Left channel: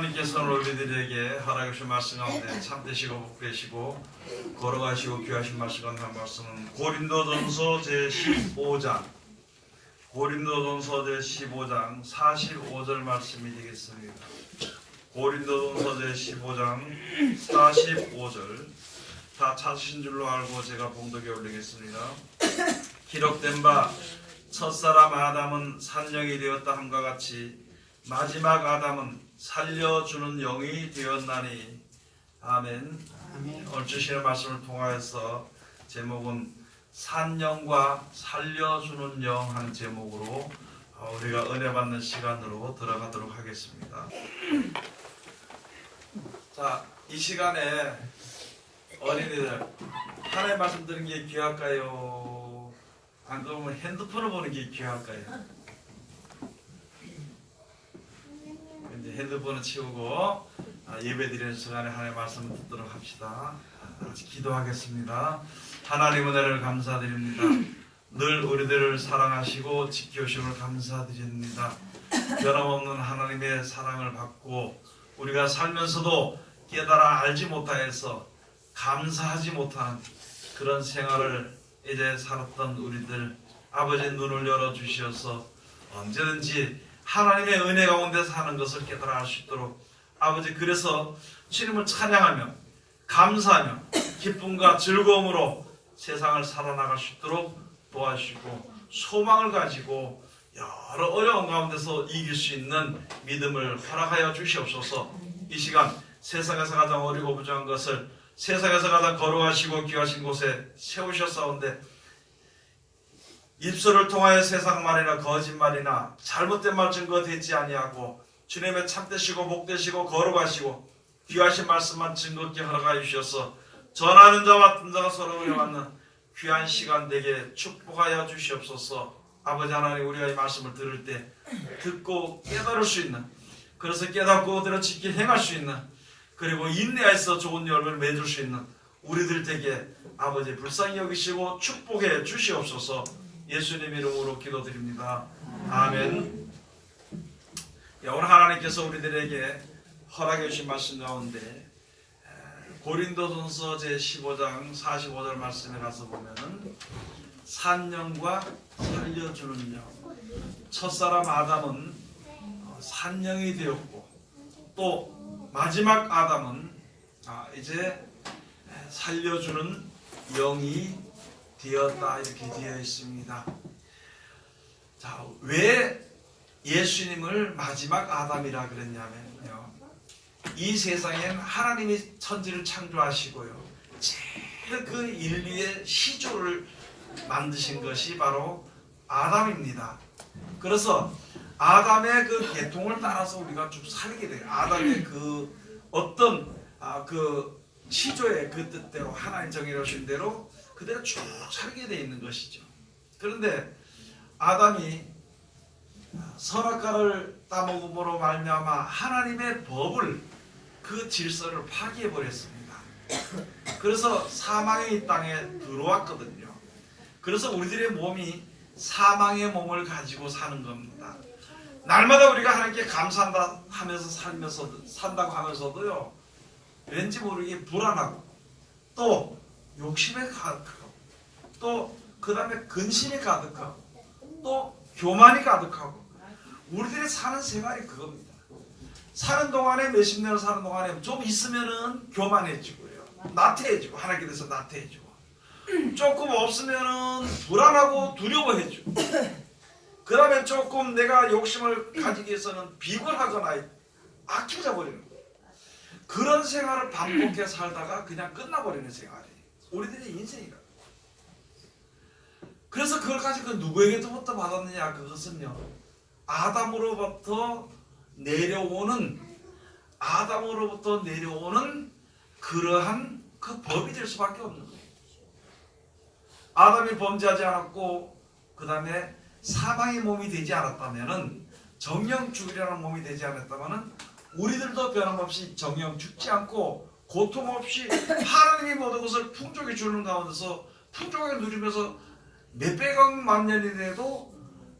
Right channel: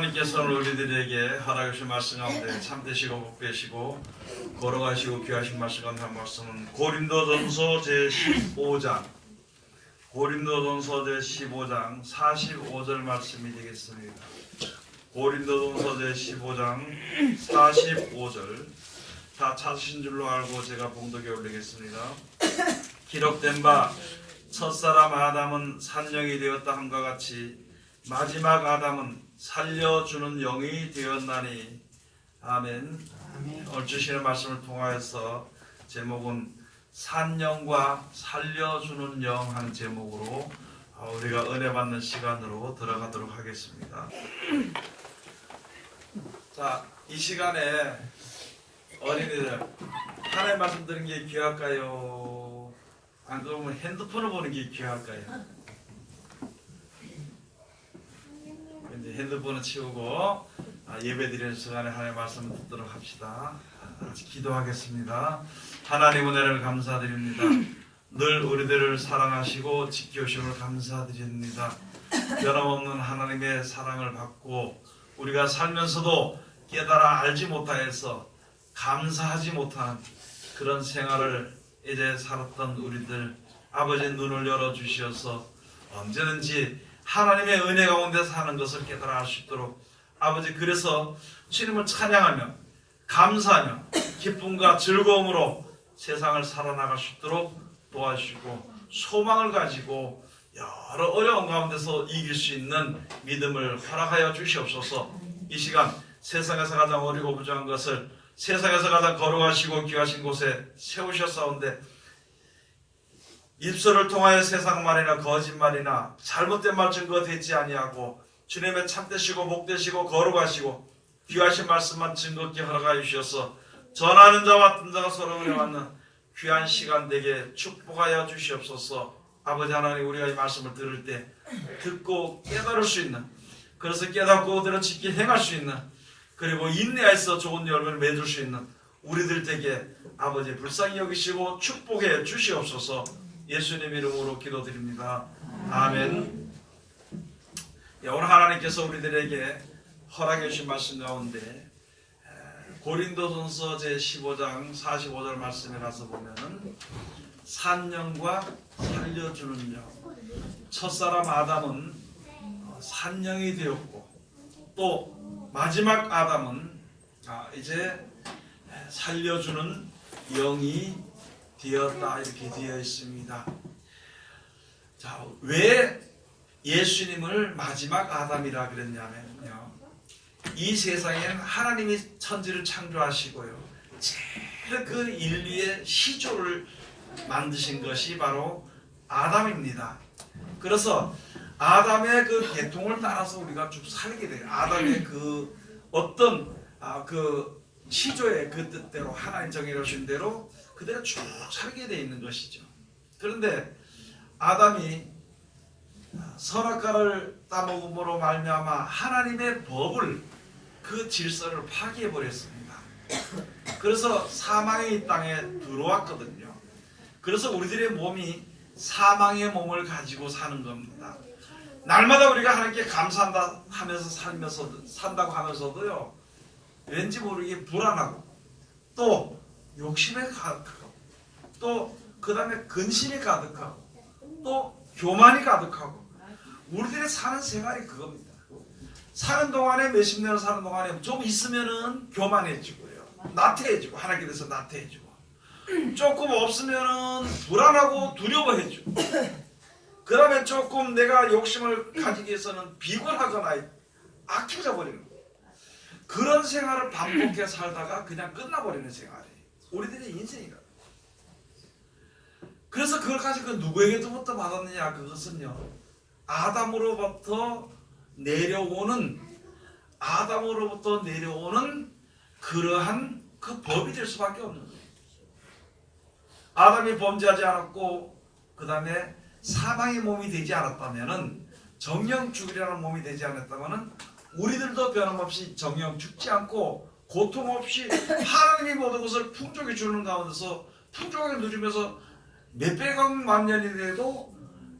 하나님께서는 우리들에게 허락하신 말씀 가운데 참되시고 복되시고 걸어가시고 귀하신 말씀 가운데 한 말씀은 고린도전서 제15장 45절 말씀이 되겠습니다. 고린도전서 제15장 45절 다 찾으신 줄로 알고 제가 봉독에 올리겠습니다. 기록된 바 첫사람 아담은 산령이 되었다 함과 같이 마지막 아담은 살려주는 영이 되었나니. 아멘. 오늘 주시는 말씀을 통하여서 제목은 산영과 살려주는 영 하는 제목으로 우리가 은혜 받는 시간으로 들어가도록 하겠습니다. 자, 이 시간에 어린이들 하나님 말씀 드리는 게 귀할까요? 안 그러면 핸드폰을 보는 게 귀할까요? 이제 핸드폰을 치우고 예배 드리는 시간에 하나님의 말씀을 듣도록 합시다. 기도하겠습니다. 하나님 은혜를 감사드립니다. 늘 우리들을 사랑하시고 지켜주심을 감사드립니다. 변함없는 하나님의 사랑을 받고 우리가 살면서도 깨달아 알지 못하여서 감사하지 못하는 그런 생활을 이제 살았던 우리들, 아버지 눈을 열어주시어서 언제든지 하나님의 은혜 가운데 사는 것을 깨달아 알 수 있도록 아버지, 그래서 주님을 찬양하며 감사하며 기쁨과 즐거움으로 세상을 살아나갈 수 있도록 도와주시고 소망을 가지고 여러 어려운 가운데서 이길 수 있는 믿음을 허락하여 주시옵소서. 이 시간 세상에서 가장 어리고 부족한 것을 세상에서 가장 거룩하시고 귀하신 곳에 세우셨사온데 입술을 통하여 세상 말이나 거짓말이나 잘못된 말 증거되지 아니하고 주님의 참되시고 복되시고 거룩하시고 귀하신 말씀만 증거케 허락하여 주셔서 전하는 자와 듣는 자가 서로 의뢰받는 귀한 시간 되게 축복하여 주시옵소서. 아버지 하나님, 우리가 이 말씀을 들을 때 듣고 깨달을 수 있는, 그래서 깨닫고 그대로 지키 행할 수 있는, 그리고 인내해서 좋은 열매를 맺을 수 있는 우리들 되게 아버지 불쌍히 여기시고 축복해 주시옵소서. 예수님 이름으로 기도드립니다. 아멘. 오늘 하나님께서 우리들에게 허락해 주신 말씀 가운데 고린도전서 제15장 45절 말씀에 가서 보면은 산영과 살려주는 영, 첫사람 아담은 산영이 되었고 또 마지막 아담은 이제 살려주는 영이 되었다, 이렇게 되어 있습니다. 자, 왜 예수님을 마지막 아담이라 그랬냐면요, 이 세상엔 하나님이 천지를 창조하시고요, 제일 그 인류의 시조를 만드신 것이 바로 아담입니다. 그래서 아담의 그 계통을 따라서 우리가 쭉 살게 돼요. 아담의 그 어떤 그 시조의 그 뜻대로 하나님 정해주신 대로 그대로 쭉 살게 되어 있는 것이죠. 그런데 아담이 선악과를 따먹음으로 말미암아 하나님의 법을, 그 질서를 파괴해 버렸습니다. 그래서 사망의 이 땅에 들어왔거든요. 그래서 우리들의 몸이 사망의 몸을 가지고 사는 겁니다. 날마다 우리가 하나님께 감사한다 하면서 산다고 하면서도요, 왠지 모르게 불안하고 또 욕심에 가득하고 또 그 다음에 근심에 가득하고 또 교만이 가득하고, 우리들의 사는 생활이 그겁니다. 사는 동안에, 몇십 년을 사는 동안에 좀 있으면은 교만해지고요, 나태해지고, 하나님께 대해서 나태해지고, 조금 없으면은 불안하고 두려워해지고, 그 다음에 조금 내가 욕심을 가지기 위해서는 비굴하거나 악해져 버리는 거예요. 그런 생활을 반복해 살다가 그냥 끝나버리는 생활이에요, 우리들의 인생이가. 그래서 그걸까지 누구에게로부터 받았느냐, 그것은요, 아담으로부터 내려오는 그러한 그 법이 될 수밖에 없는 거예요. 아담이 범죄하지 않았고 그 다음에 사망의 몸이 되지 않았다면은, 정령 죽으려는 몸이 되지 않았다면은 우리들도 변함없이 정령 죽지 않고 고통 없이 하나님이 모든 것을 풍족히 주는 가운데서 풍족하게 누리면서 몇백억 만 년이 돼도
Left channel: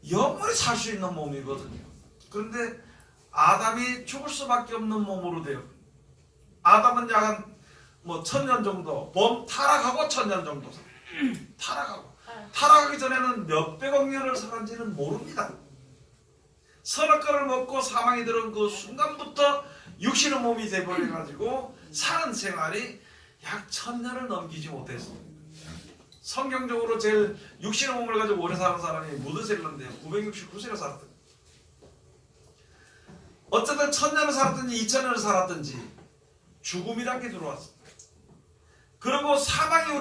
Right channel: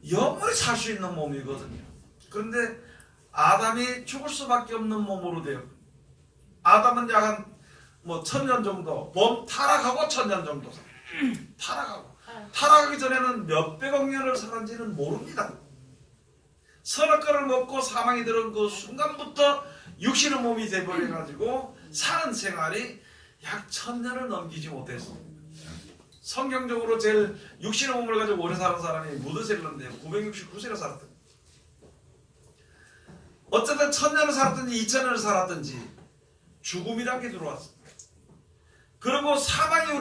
영원히 살 수 있는 몸이거든요. 그런데 아담이 죽을 수밖에 없는 몸으로 돼요. 아담은 약 한 1000년 정도, 타락하고 1000년 정도 타락하기 전에는 몇백억 년을 살았는지는 모릅니다. 선악과를 먹고 사망이 들어온 그 순간부터 육신의 몸이 돼버려가지고 사는 생활이 약 1000년을 넘기지 못했어요. 성경적으로 제일 육신의 몸을 가지고 오래 사는 사람이 무드셀러인데요. 969세를 살았대요. 어쨌든 1000년을 살았든지 2000년을 살았든지 죽음이라는 게 들어왔어요. 그리고 사망이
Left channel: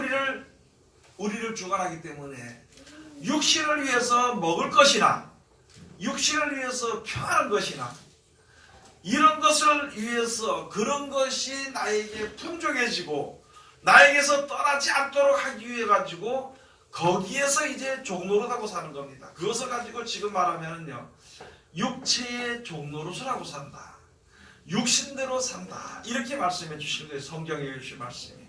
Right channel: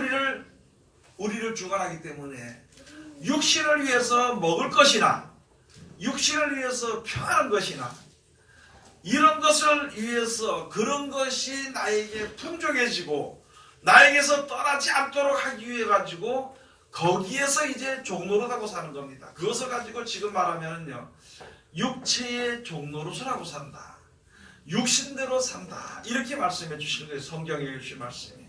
우리를 주관하기 때문에 육신을 위해서 먹을 것이나 육신을 위해서 평안한 것이나 이런 것을 위해서 그런 것이 나에게 풍족해지고 나에게서 떠나지 않도록 하기 위해 가지고 거기에서 이제 종노릇하고 사는 겁니다. 그것을 가지고 지금 말하면요, 육체의 종노릇을 산다, 육신대로 산다, 이렇게 말씀해 주신 거예요. 성경에 주신 말씀이.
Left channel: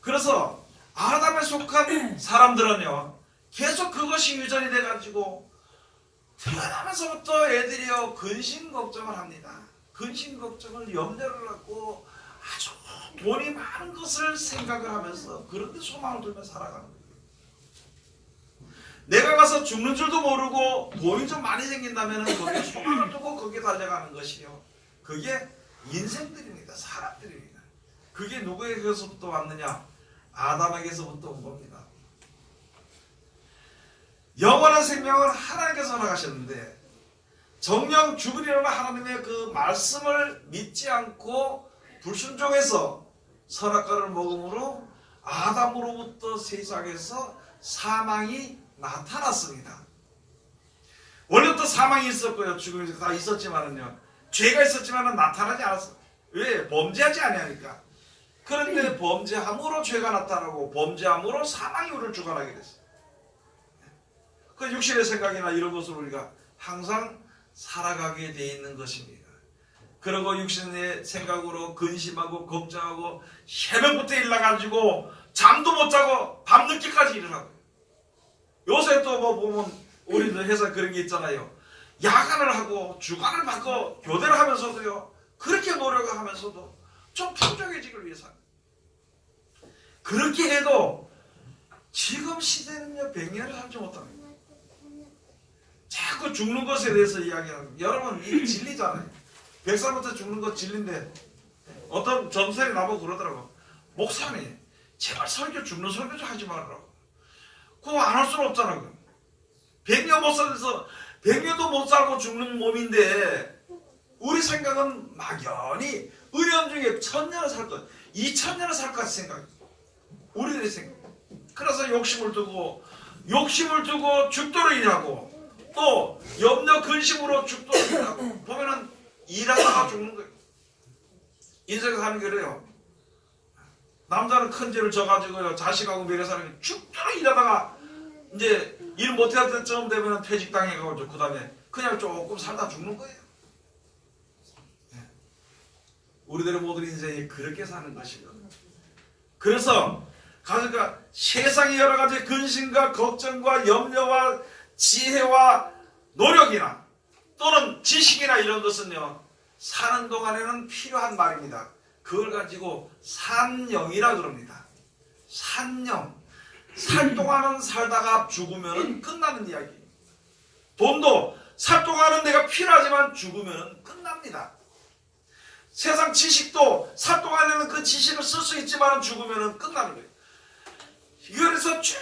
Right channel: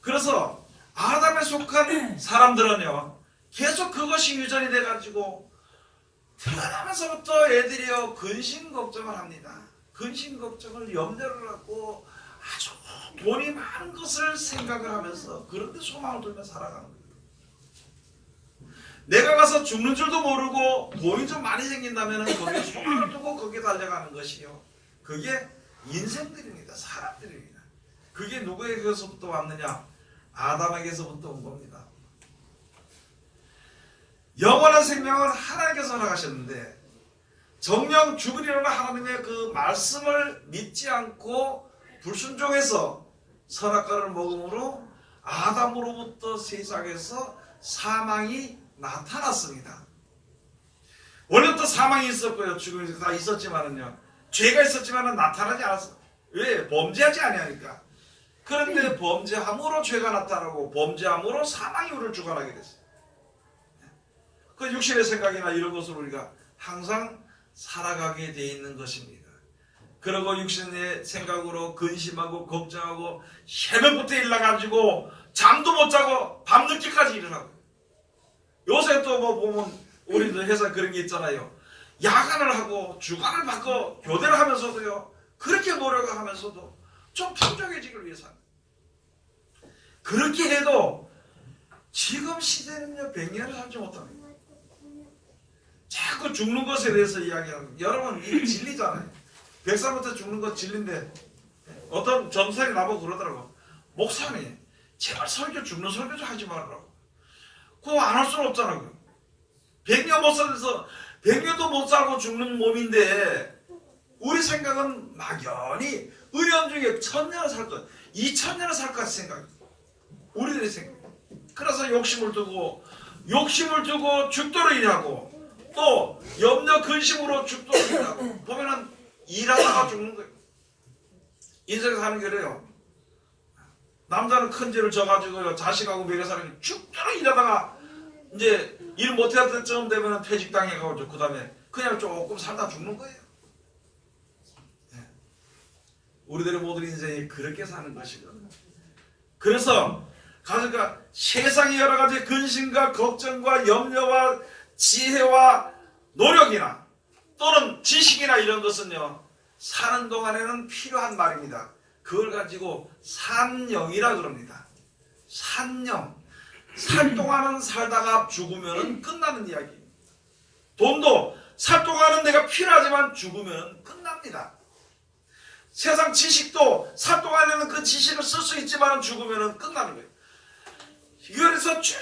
그래서 아담에 속한 사람들은요, 계속 그것이 유전이 돼가지고 태어나면서부터 애들이요 근심 걱정을 합니다. 근심 걱정을 염려를 하고 아주 돈이 많은 것을 생각을 하면서 그런데 소망을 들며 살아가는 거예요. 내가 가서 죽는 줄도 모르고 돈이 좀 많이 생긴다면 거기에 소망을 두고 거기에 달려가는 것이요, 그게 인생들입니다. 사람들입니다. 그게 누구에게서부터 왔느냐? 아담에게서부터 온 겁니다. 영원한 생명은 하나님께서 허락하셨는데 정령 죽으리라는 하나님의 그 말씀을 믿지 않고 불순종해서 선악과를 먹음으로 아담으로부터 세상에서 사망이 나타났습니다. 원래부터 사망이 있었고요, 죽음이 다 있었지만은요, 죄가 있었지만은 나타나지 않았어요. 왜? 범죄하지 아니하니까. 그런데 범죄함으로 죄가 나타나고 범죄함으로 사망이 우리를 주관하게 됐어요. 그 육신의 생각이나 이런 것을 우리가 항상 살아가게 돼 있는 것입니다. 그리고 육신의 생각으로 근심하고 걱정하고 새벽부터 일어나가지고 잠도 못 자고 밤늦게까지 일어나고, 요새 또 보면 우리들 회사 그런 게 있잖아요. 야간을 하고 주간을 받고 교대를 하면서도요, 그렇게 노력을 하면서도 좀 평정해지기를 위해서 그렇게 해도 지금 시대는요 100년을 살지 못합니다. 자꾸 죽는 것에 대해서 이야기하는, 여러분 이 진리잖아요. 100살부터 죽는 것 진리인데 어떤 전사들이 나보고 그러더라고. 목사님 제발 죽는 설교 좀 하지 말라고. 그거 안 할 수는 없잖아요. 100년 못 살아서 100년도 못 살고 죽는 몸인데 우리 생각은 막연히 은연중에 1000년을 살 것, 2000년을 살 것 같은 생각입니다. 우리들의 생각. 그래서 욕심을 두고 죽도록 일하고 또 염려 근심으로 죽도록 일하고 보면은 일하다가 죽는 거예요. 인생에서 사는 게 그래요. 남자는 큰 죄를 져가지고요, 자식하고 매개사람이 죽도록 일하다가 이제 일 못해야 될 쯤 되면 퇴직당해가지고 그 다음에 그냥 조금 살다 죽는 거예요. 우리들의 모든 인생이 그렇게 사는 것이거든요. 그래서 그러니까 세상의 여러 가지 근심과 걱정과 염려와 지혜와 노력이나 또는 지식이나 이런 것은요, 사는 동안에는 필요한 말입니다. 그걸 가지고 산영이라 그럽니다. 산영. 살 동안은 살다가 죽으면 끝나는 이야기입니다. 돈도 살 동안은 내가 필요하지만 죽으면 끝납니다. 세상 지식도 살 동안에는 그 지식을 쓸 수 있지만 죽으면 끝나는 거예요. 그래서 쭉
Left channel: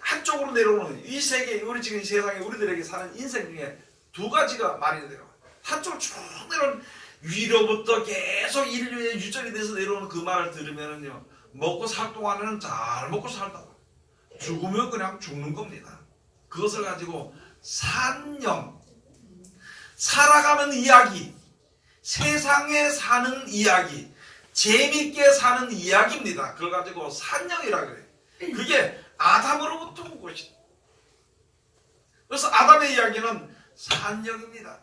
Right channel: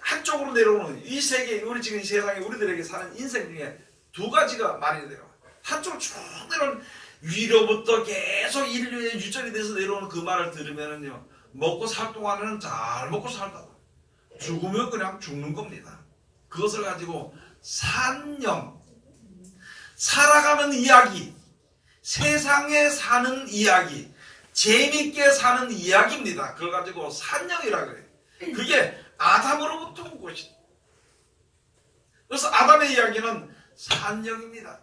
한쪽으로 내려오는 이 세계, 우리 지금 이 세상에 우리들에게 사는 인생 중에 두 가지가 많이 돼요. 한쪽으로 쭉 내려오는, 위로부터 계속 인류의 유전이 돼서 내려오는 그 말을 들으면은요, 먹고 살 동안에는 잘 먹고 살다가 죽으면 그냥 죽는 겁니다. 그것을 가지고 산영, 살아가는 이야기, 세상에 사는 이야기, 재밌게 사는 이야기입니다. 그걸 가지고 산영이라 그래요. 그게 아담으로부터 온 것이다. 그래서 아담의 이야기는 산영입니다.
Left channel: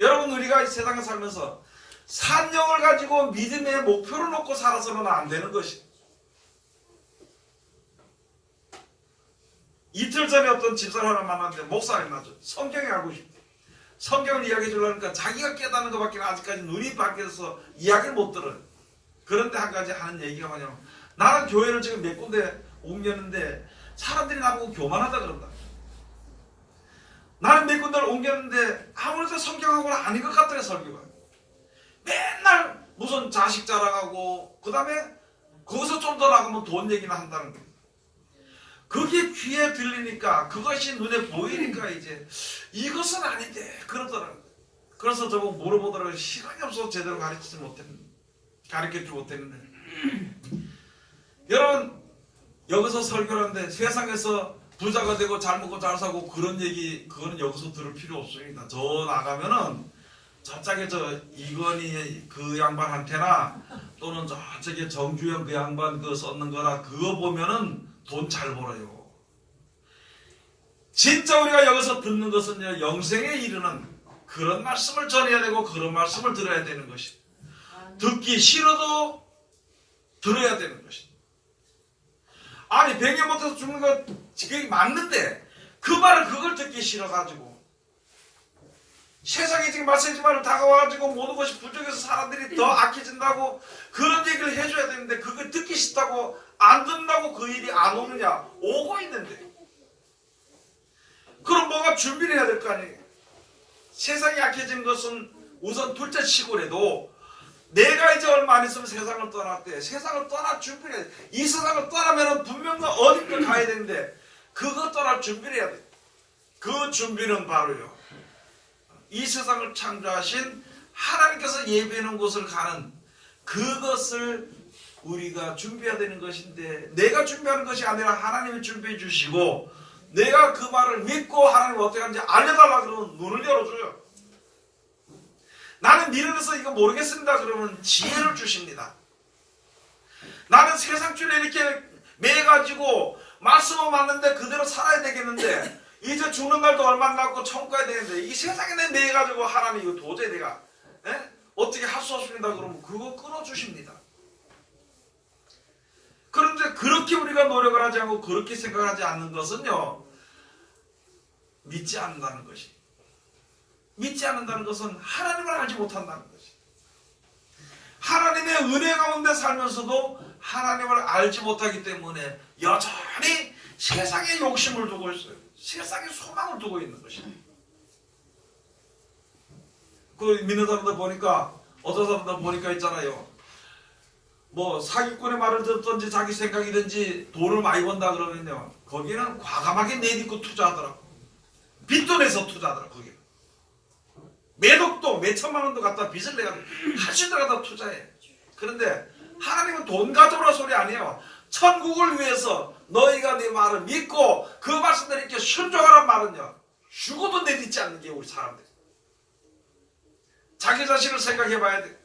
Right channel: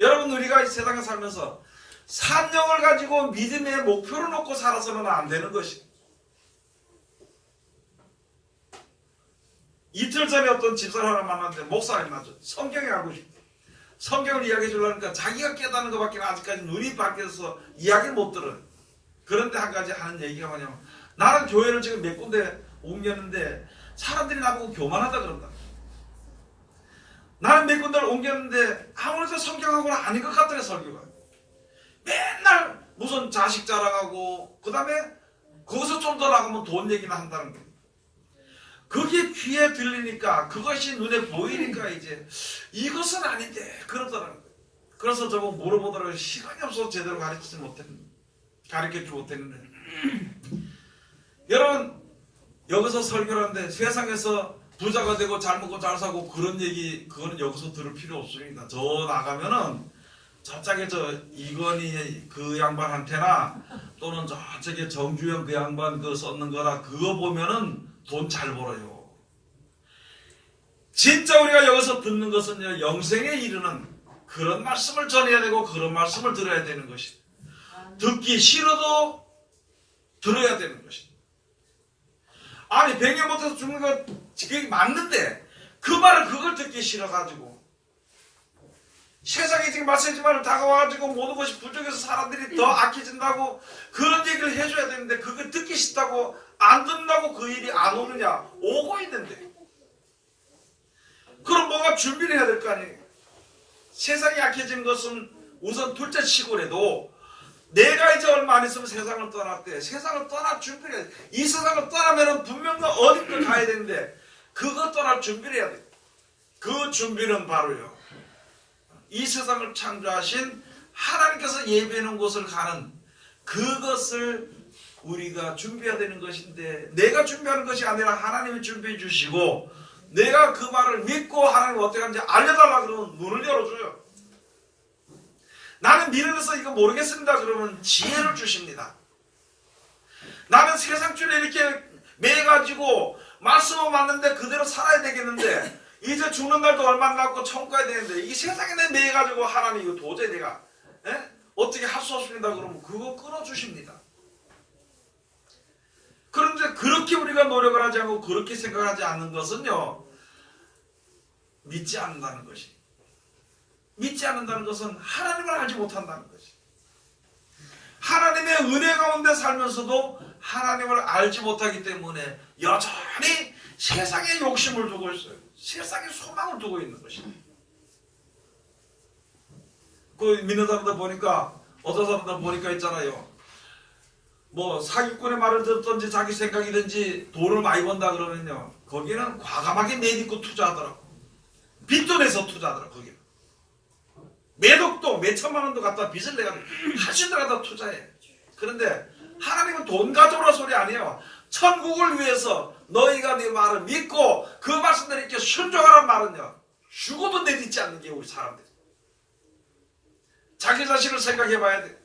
여러분, 우리가 이 세상에 살면서 산영을 가지고 믿음의 목표를 놓고 살아서는 안 되는 것입니다. 이틀 전에 어떤 집사람을 만났는데 목사님 맞죠? 성경에 알고 싶대. 성경을 이야기해 주려니까 자기가 깨닫는 것밖에 아직까지 눈이 밝혀서 이야기를 못 들어요. 그런데 한 가지 하는 얘기가 뭐냐면 나는 교회를 지금 몇 군데 옮겼는데 사람들이 나보고 교만하다 그런다. 나는 몇 군데를 옮겼는데 아무래도 성경하고는 아닌 것 같더래 설교가. 맨날 무슨 자식 자랑하고 그 다음에 거기서 좀 더 나가면 돈 얘기나 한다는 거예요. 그게 귀에 들리니까 그것이 눈에 보이니까 이제 이것은 아닌데 그러더라고요. 그래서 저보고 물어보더라고요. 시간이 없어서 제대로 가르치지 못했는데 여러분 여기서 설교를 하는데 세상에서 부자가 되고 잘 먹고 잘 사고 그런 얘기 그거는 여기서 들을 필요 없습니다. 저 나가면은 저쪽에 저 이건희 그 양반한테나 또는 저쪽에 정주영 그 양반 그 썼는 거나 그거 보면은 돈 잘 벌어요. 진짜 우리가 여기서 듣는 것은요 영생에 이르는 그런 말씀을 전해야 되고 그런 말씀을 들어야 되는 것입니다. 듣기 싫어도 들어야 되는 것입니다. 아니 100년 못해서 죽는 거 그게 맞는데 그 말을 그걸 듣기 싫어가지고 세상에 지금 말씀이지만 다가와가지고 모든 것이 부족해서 사람들이 더 악해진다고 그런 얘기를 해줘야 되는데 그걸 듣기 싫다고 안 듣는다고 그 일이 안 오느냐? 오고 있는데 그럼 뭔가 준비를 해야 될 거 아니에요. 세상이 약해진 것은 우선 둘째 치고라도 내가 이제 얼마 안 있으면 세상을 떠났대. 세상을 떠날 준비를 해야 돼. 이 세상을 떠나면 분명 어딘가 가야 되는데 그거 떠날 준비를 해야 돼. 그 준비는 바로요. 이 세상을 창조하신 하나님께서 예비하는 곳을 가는 그것을 우리가 준비해야 되는 것인데 내가 준비하는 것이 아니라 하나님이 준비해 주시고 내가 그 말을 믿고 하나님 어떻게 하는지 알려달라 그러면 눈을 열어줘요. 나는 미련해서 이거 모르겠습니다 그러면 지혜를 주십니다. 나는 세상 줄에 이렇게 매가지고 말씀을 맞는데 그대로 살아야 되겠는데 이제 죽는 날도 얼마 안 남고 천국 가야 되는데 이 세상에 내 매가지고 하나님 이거 도저히 내가 어떻게 할 수 없습니다 그러면 그거 끊어주십니다. 그런데 그렇게 우리가 노력을 하지 않고 그렇게 생각하지 않는 것은요 믿지 않는다는 것이. 믿지 않는다는 것은 하나님을 알지 못한다는 것이. 하나님의 은혜 가운데 살면서도 하나님을 알지 못하기 때문에 여전히 세상에 욕심을 두고 있어요. 세상에 소망을 두고 있는 것입니다. 그 믿는 사람들 보니까 어떤 사람들 보니까 있잖아요. 뭐 사기꾼의 말을 듣든지 자기 생각이든지 돈을 많이 번다 그러면요 거기는 과감하게 내딛고 투자하더라고. 빚도 내서 투자하더라고. 거기 매덕도 몇천만 원도 갖다 빚을 내가지고 할수 있다 투자해. 그런데 하나님은 돈 가져오라 소리 아니에요. 천국을 위해서 너희가 내 말을 믿고 그 말씀대로 이렇게 순종하란 말은요 죽어도 내딛지 않는 게 우리 사람들. 자기 자신을 생각해 봐야 돼.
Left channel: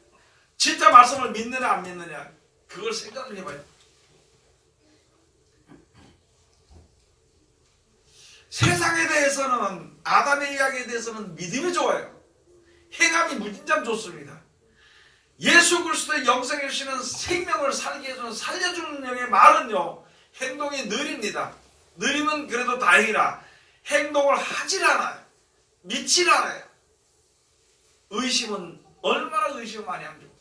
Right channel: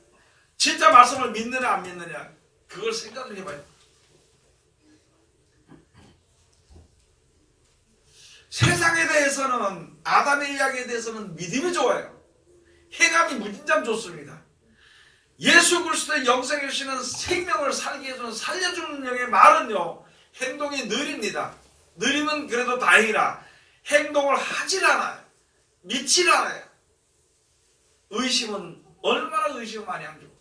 진짜 말씀을 믿느냐 안 믿느냐 그걸 생각을 해봐야 돼. 세상에 대해서는 아담의 이야기에 대해서는 믿음이 좋아요. 행함이 무진장 좋습니다. 예수 그리스도의 영생을 주시는 생명을 살게 해주는 살려주는 영의 말은요 행동이 느립니다. 느리면 그래도 다행이라 행동을 하질 않아요. 믿질 않아요. 의심은 얼마나 의심을 많이 합니까?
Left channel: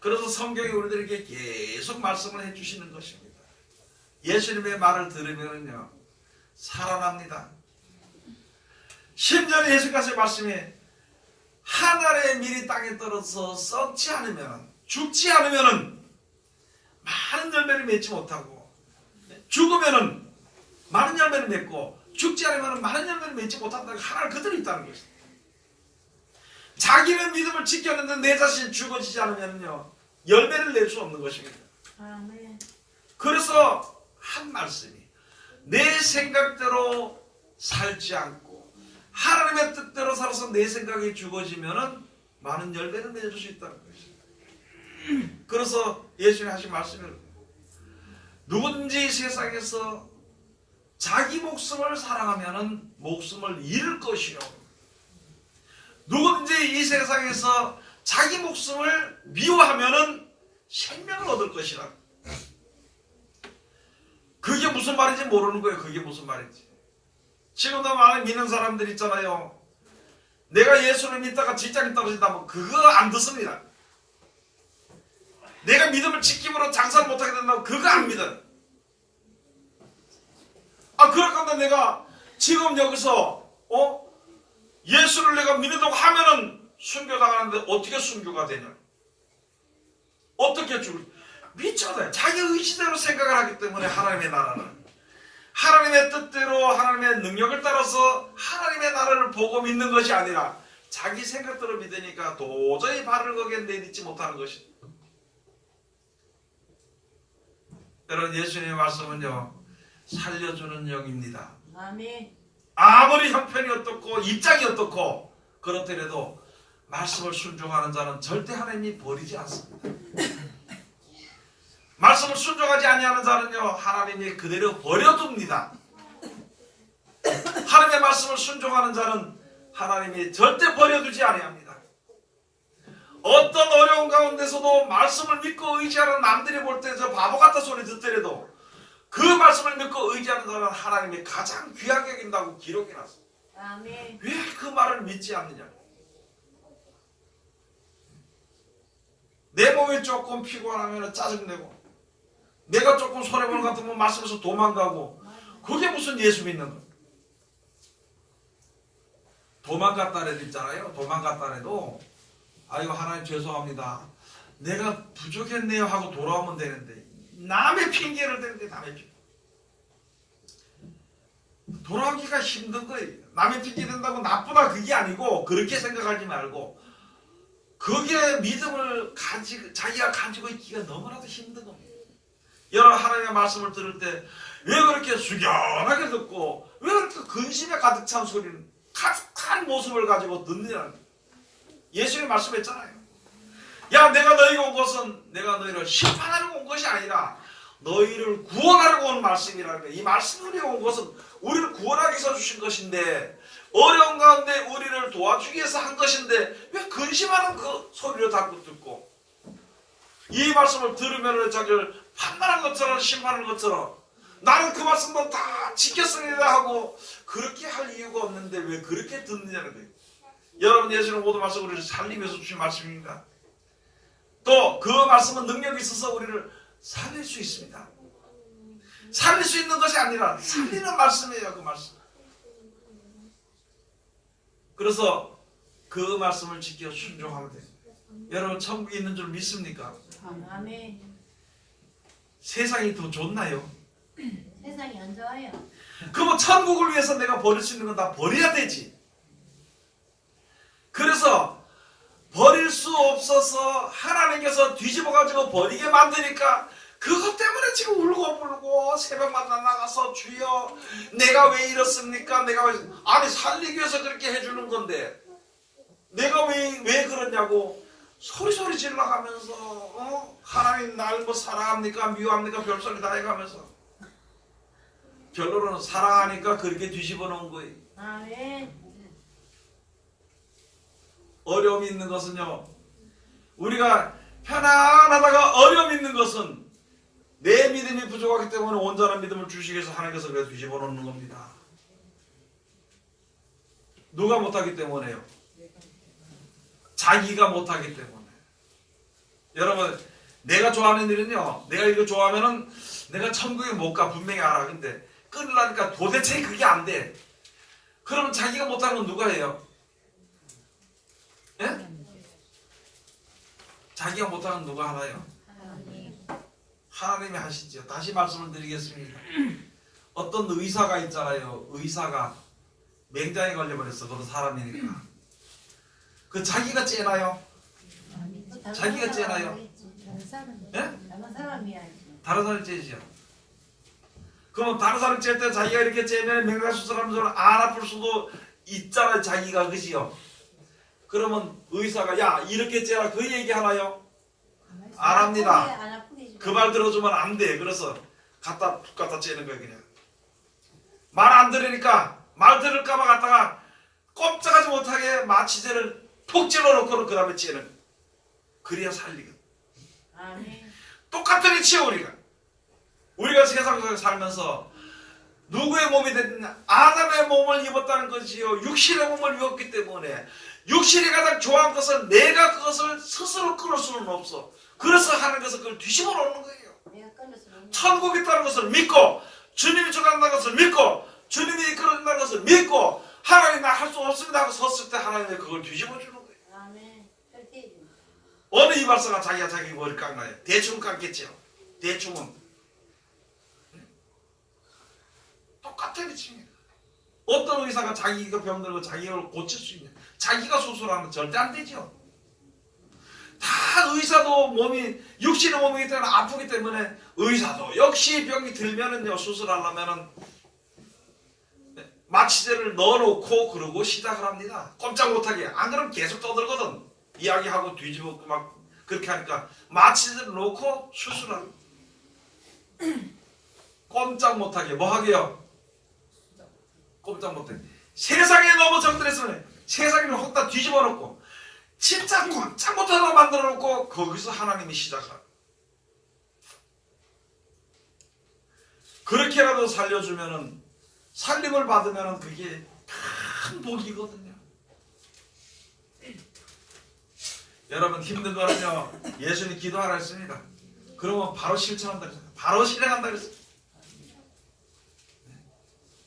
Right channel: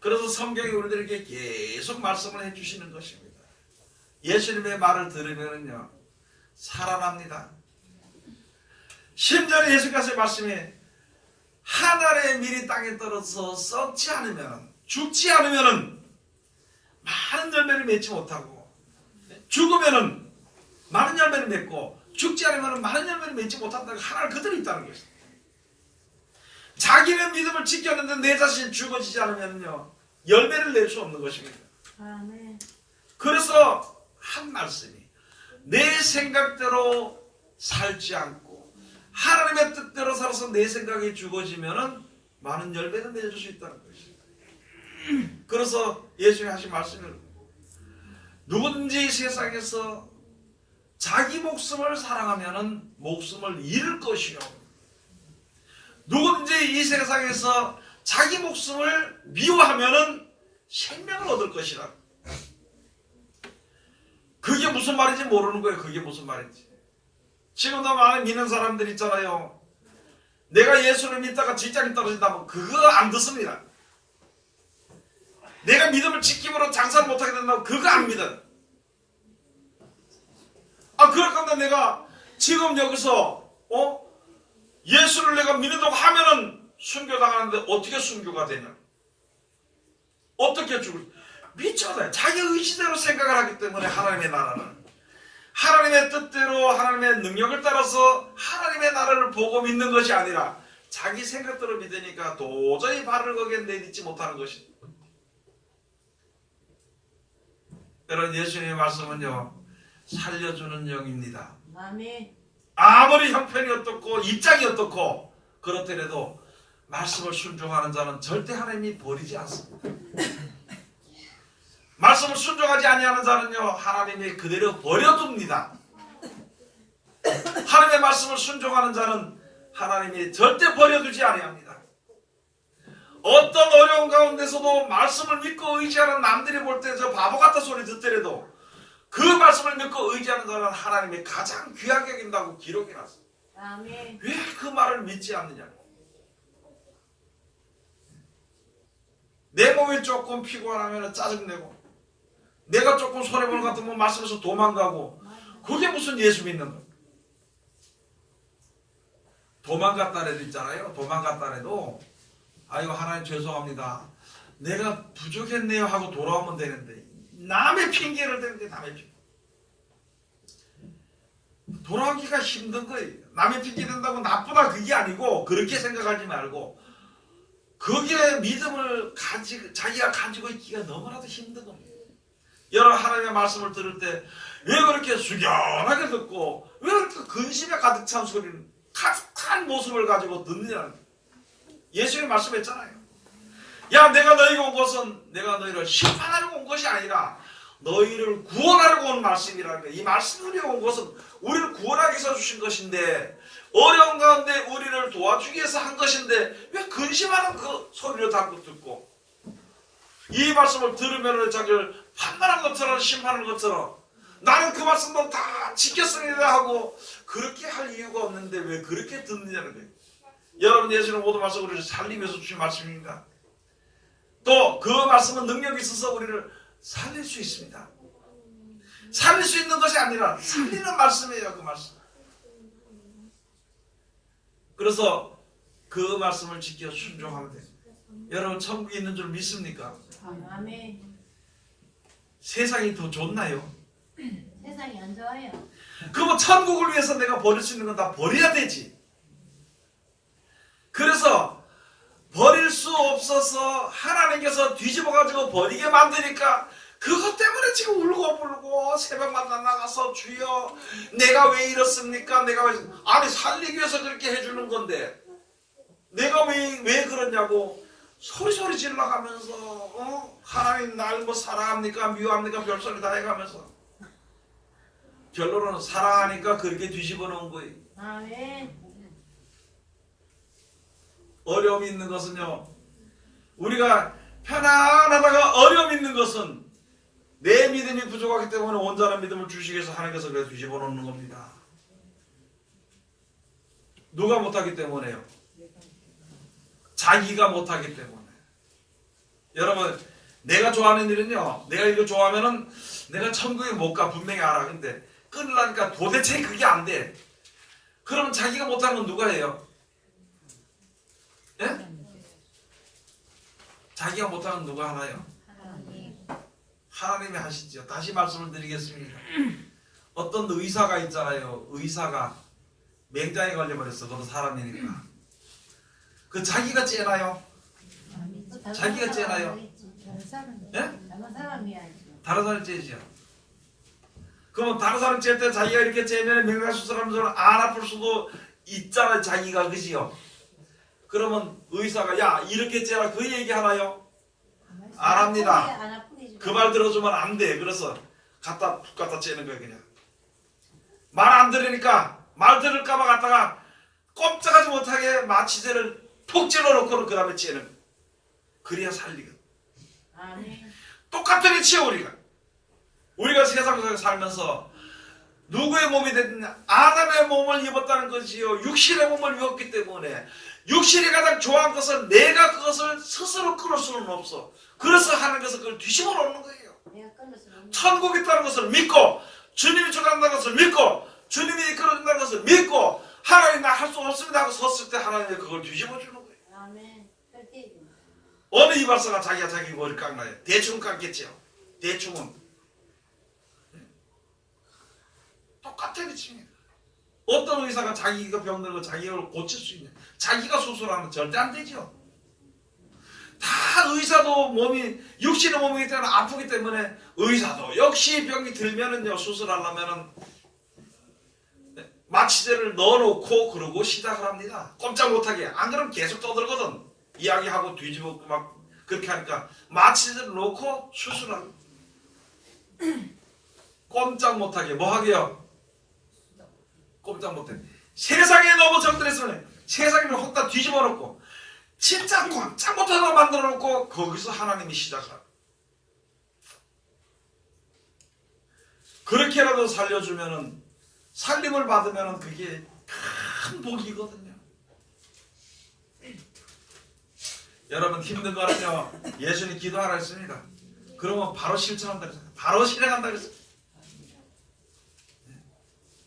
그래서 성경이 우리들에게 계속 말씀을 해주시는 것입니다. 예수님의 말을 들으면요 살아납니다. 심지어 예수께서의 말씀에 하늘의 밀이 땅에 떨어져서 썩지 않으면 죽지 않으면 많은 열매를 맺지 못하고 죽으면 많은 열매를 맺고 죽지 않으면 많은 열매를 맺지 못한다는 하나를 그대로 있다는 것입니다. 자기는 믿음을 지켰는데 내 자신이 죽어지지 않으면요 열매를 낼 수 없는 것입니다. 아멘. 그래서 한 말씀이 내 생각대로 살지 않고 하나님의 뜻대로 살아서 내 생각이 죽어지면은 많은 열매를 맺을 수 있다는 것입니다. 그래서 예수님이 하신 말씀이 누구든지 세상에서 자기 목숨을 사랑하면은 목숨을 잃을 것이요 누구든지 이 세상에서 자기 목숨을 미워하면은 생명을 얻을 것이라. 그게 무슨 말인지 모르는 거예요. 그게 무슨 말인지. 지금도 많은 믿는 사람들 있잖아요. 내가 예수를 믿다가 직장이 떨어진다면 그거 안 듣습니다. 내가 믿음을 지킴으로 장사를 못하게 된다면 그거 안 믿어요. 그럴 건데 내가 지금 여기서 예수를 내가 믿는다고 하면은 순교당하는데 어떻게 순교가 되냐? 어떻게 죽을? 미쳐다. 자기 의지대로 생각을 하기 때문에 하나님의 나라는 하나님의 뜻대로 하나님의 능력을 따라서 하나님의 나라를 보고 믿는 것이 아니라 자기 생각대로 믿으니까 도저히 발을 거기에 내딛지 못하는 것입니다. 여러분, 예수님의 말씀은요, 살려주는 영입니다. 아멘. 아무리 형편이 어떻고 입장이 어떻고 그렇더라도 말씀을 순종하는 자는 절대 하나님이 버리지 않습니다. 말씀을 순종하지 아니하는 자는요, 하나님이 그대로 버려둡니다. 하나님의 말씀을 순종하는 자는 하나님이 절대 버려두지 아니합니다. 어떤 어려운 가운데서도 말씀을 믿고 의지하는 남들이 볼 때 저 바보 같은 소리 듣더라도 그 말씀을 믿고 의지하는 자는 하나님이 가장 귀하게 여긴다고 기록해 놨어요. 아멘. 왜 그 말을 믿지 않느냐? 내 몸이 조금 피곤하면 짜증내고 내가 조금 손해보는 것 같으면 말씀에서 도망가고 그게 무슨 예수 믿는 거예요? 도망갔다 해도 있잖아요. 도망갔다 해도 아이고 하나님 죄송합니다. 내가 부족했네요 하고 돌아오면 되는데 남의 핑계를 대는데 남의 핑계. 돌아오기가 힘든 거예요. 남의 핑계 된다고 나쁘다 그게 아니고 그렇게 생각하지 말고 거기에 믿음을 자기가 가지고 있기가 너무나도 힘든 겁니다. 여러분 하나님의 말씀을 들을 때 왜 그렇게 숙연하게 듣고 왜 그렇게 근심에 가득 찬 소리를 가득한 모습을 가지고 듣느냐는 거예요. 예수님이 말씀했잖아요. 야 내가 너희가 온 것은 내가 너희를 심판하려고 온 것이 아니라 너희를 구원하려고 온 말씀이라는 거예요. 이 말씀을 온 것은 우리를 구원하기 위해서 주신 것인데 어려운 가운데 우리를 도와주기 위해서 한 것인데 왜 근심하는 그 소리를 자꾸 듣고 이 말씀을 들으면 자기를 판단한 것처럼 심판하는 것처럼 나는 그 말씀도 다 지켰습니다 하고 그렇게 할 이유가 없는데 왜 그렇게 듣느냐는 거예요. 여러분 예수는 모든 말씀을 우리를 살리면서 주신 말씀입니다. 또 그 말씀은 능력이 있어서 우리를 살릴 수 있습니다. 살릴 수 있는 것이 아니라 살리는 말씀이에요. 그 말씀. 그래서 그 말씀을 지켜 순종하면 돼요. 여러분 천국에 있는 줄 믿습니까? 아멘. 세상이 더 좋나요? 세상이 안 좋아요. 그럼 천국을 위해서 내가 버릴 수 있는 건 다 버려야 되지. 그래서 버릴 수 없어서 하나님께서 뒤집어가지고 버리게 만드니까 그것 때문에 지금 울고불고 새벽마다 나가서 주여 내가 왜 이렇습니까? 내가 왜 아니 살리기 위해서 그렇게 해주는 건데 내가 왜 그러냐고 소리 질러가면서 하나님 날 뭐 사랑합니까? 미워합니까? 별소리 다 해가면서 결론은 사랑하니까 그렇게 뒤집어 놓은 거예요. 아멘. 어려움이 있는 것은요 우리가 편안하다가 어려움이 있는 것은 내 믿음이 부족하기 때문에 온전한 믿음을 주시기 위해서 하나님께서 그래 뒤집어 놓는 겁니다. 누가 못하기 때문에요? 자기가 못하기 때문에. 여러분 내가 좋아하는 일은요 내가 이거 좋아하면은 내가 천국에 못 가 분명히 알아. 근데 끊으려니까 도대체 그게 안 돼. 그러면 자기가 못하는 건 누가 해요? 예? 자기가 못하는 건 누가 하나요? 하나님이 하시죠. 다시 말씀을 드리겠습니다. 어떤 의사가 있잖아요. 의사가 맹장에 걸려버렸어. 그것도 사람이니까. 그 자기가 째나요? 자기가 째나요? 예? 다른 사람이야. 다른 사람이 째죠. 그러면 다른 사람이 찔 때 자기가 이렇게 째면 명예수술하면 저는 안 아플 수도 있잖아요. 자기가 그지요. 그러면 의사가 야 이렇게 째라 그 얘기 하나요? 안 합니다. 그 말 들어주면 안 돼. 그래서 푹 갖다 째는 거예요. 그냥 말 안 들으니까 말 들을까봐 갖다가 꼼짝하지 못하게 마취제를 푹 찔러놓고는 그 다음에 째는 거예요. 그래야 살리거든. 똑같은 위치요. 우리가 세상에서 살면서 누구의 몸이 됐든 아담의 몸을 입었다는 것이요 육신의 몸을 입었기 때문에 육신이 가장 좋아하는 것은 내가 그것을 스스로 끊을 수는 없어. 그래서 하나님께서 그걸 뒤집어 놓는 거예요. 내가 끊을 수 없는. 천국이 있다는 것을 믿고 주님이 주관한다는 것을 믿고 주님이 이끌어준다는 것을 믿고 하나님 나 할 수 없습니다 하고 섰을 때 하나님이 그걸 뒤집어 주는 거예요. 아멘. 절대. 어느 이발사가 자기가 자기 머리를 깎나요? 대충 깎겠죠. 대충은 똑같은 것입니다. 어떤 의사가 자기가 병들고 자기가 고칠 수 있냐? 자기가 수술하면 절대 안 되죠. 다 의사도 몸이 육신의 몸이기 때문에 아프기 때문에 의사도 역시 병이 들면은요 수술하려면은 마취제를 넣어놓고 그러고 시작을 합니다. 꼼짝 못하게. 안 그러면 계속 떠들거든. 이야기하고 뒤집고 막 그렇게 하니까 마취제를 놓고 수술합니다. 꼼짝 못하게. 뭐 하게요? 꼼짝 못해. 세상에 너무 정들했으면 세상을 혹 다 뒤집어 놓고 진짜 꼼짝 못하다 만들어 놓고 거기서 하나님이 시작을 합니다. 그렇게라도 살려주면은 살림을 받으면은 그게 큰 복이거든요. 여러분 힘든 거는요 예수님 기도하라 했습니다. 그러면 바로 실천한다 그랬어요. 바로 실행한다 그랬어요.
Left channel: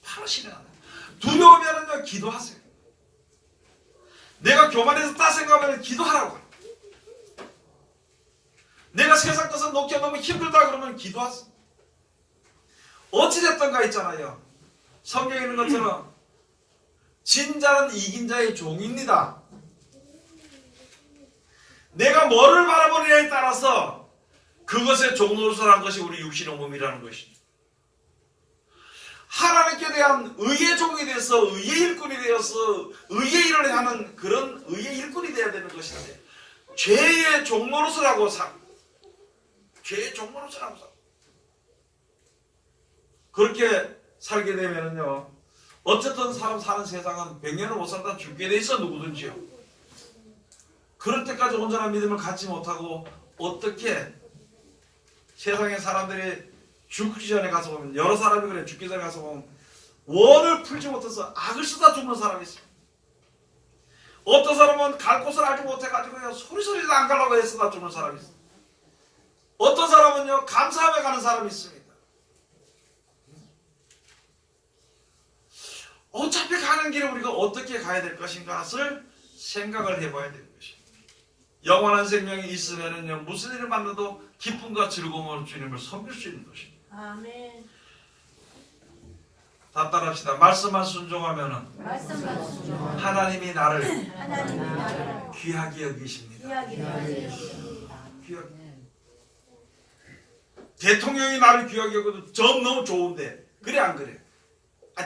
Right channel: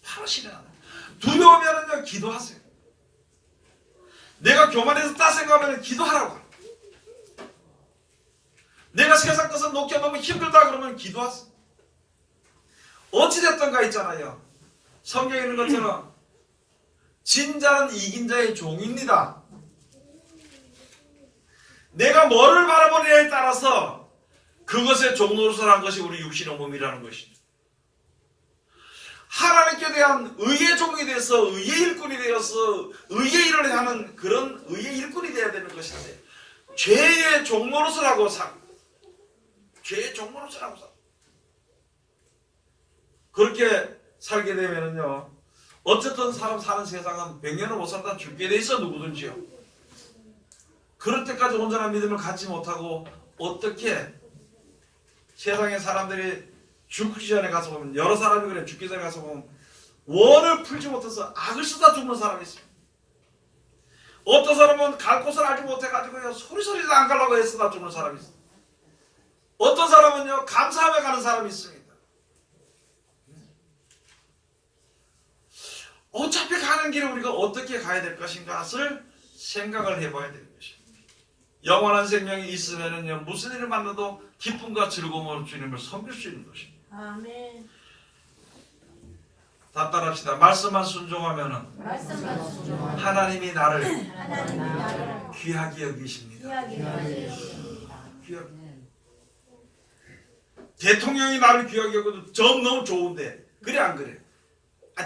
바로 실행한다. 두려우면은요 기도하세요. 내가 교만해서 딱 생각하면 기도하라고. 내가 세상 것을 놓기 너무 힘들다 그러면 기도하세요. 어찌됐던가 있잖아요. 성경에 있는 것처럼 진자는 이긴 자의 종입니다. 내가 뭐를 바라보느냐에 따라서 그것의 종노릇을 한 것이 우리 육신의 몸이라는 것입니다. 하나님께 대한 의의 종이 되어서 의의 일꾼이 되어서 의의 일을 하는 그런 의의 일꾼이 되어야 되는 것인데 죄의 종노릇을 하고 삽니다. 죄의 종노릇을 하고 삽니다. 그렇게 살게 되면요 어쨌든 사람 사는 세상은 100년을 못 살다 죽게 돼 있어 누구든지요. 그럴 때까지 온전한 믿음을 갖지 못하고 어떻게 세상의 사람들이 죽기 전에 가서 보면 여러 사람이 그래 죽기 전에 가서 보면 원을 풀지 못해서 악을 쓰다 죽는 사람이 있습니다. 어떤 사람은 갈 곳을 알지 못해가지고요 소리소리도 안 가려고 애쓰다 죽는 사람이 있습니다. 어떤 사람은요 감사하며 가는 사람이 있습니다. 어차피 가는 길을 우리가 어떻게 가야 될 것인가를 생각을 해봐야 되는 것입니다. 영원한 생명이 있으면은요 무슨 일을 만나도 기쁨과 즐거움으로 주님을 섬길 수 있는 것입니다. 아멘. 다 따라합시다. 말씀만 순종하면은 말씀만 순종하면 하나님이 나를 하나님이 나를 귀하게 여기십니다. 귀하게 여기십니다. 귀하게. 대통령이 나를 귀하게 여겨도 좀 너무 좋은데 그래 안 그래?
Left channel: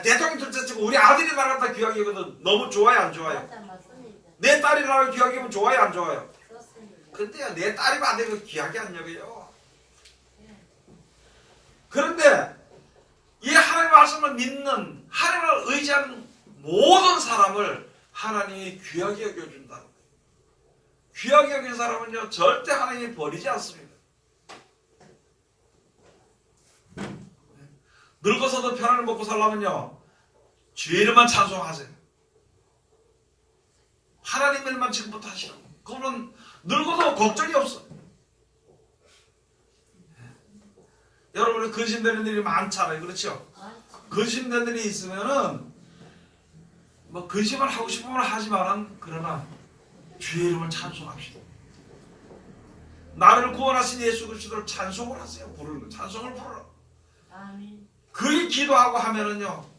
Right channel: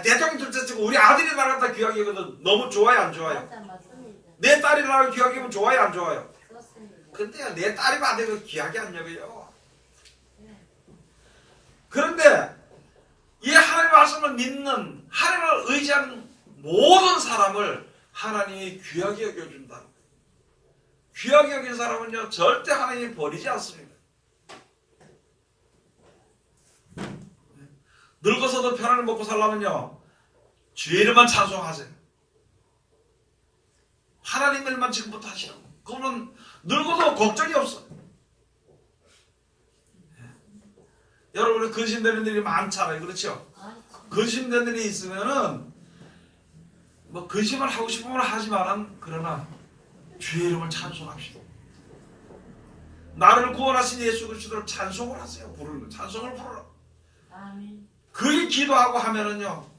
대통령 둘째 치고 우리 아들이 나를 갖다 귀하게 여겨도 너무 좋아요 안 좋아요? 맞습니다. 내 딸이 나를 귀하게 여기면 좋아요 안 좋아요? 그렇습니다. 근데요 내 딸이면 안 되고 귀하게 안 여겨요. 그런데 이 하나님의 말씀을 믿는 하나님을 의지하는 모든 사람을 하나님이 귀하게 여겨준다는 거예요. 귀하게 여긴 사람은요 절대 하나님이 버리지 않습니다. 늙어서도 편안을 먹고 살려면요 죄를만 찬송하세요. 하나님 일만 지금부터 하시라고. 그러면 늙어도 걱정이 없어. 여러분 근심되는 일이 많잖아요. 그렇죠? 근심되는 일이 있으면은 뭐 근심을 하고 싶으면 하지만은 그러나 주의 이름을 찬송합시다. 나를 구원하신 예수 그리스도를 찬송을 하세요. 부르는 찬송을 부르라. 아멘. 그렇게 기도하고 하면은요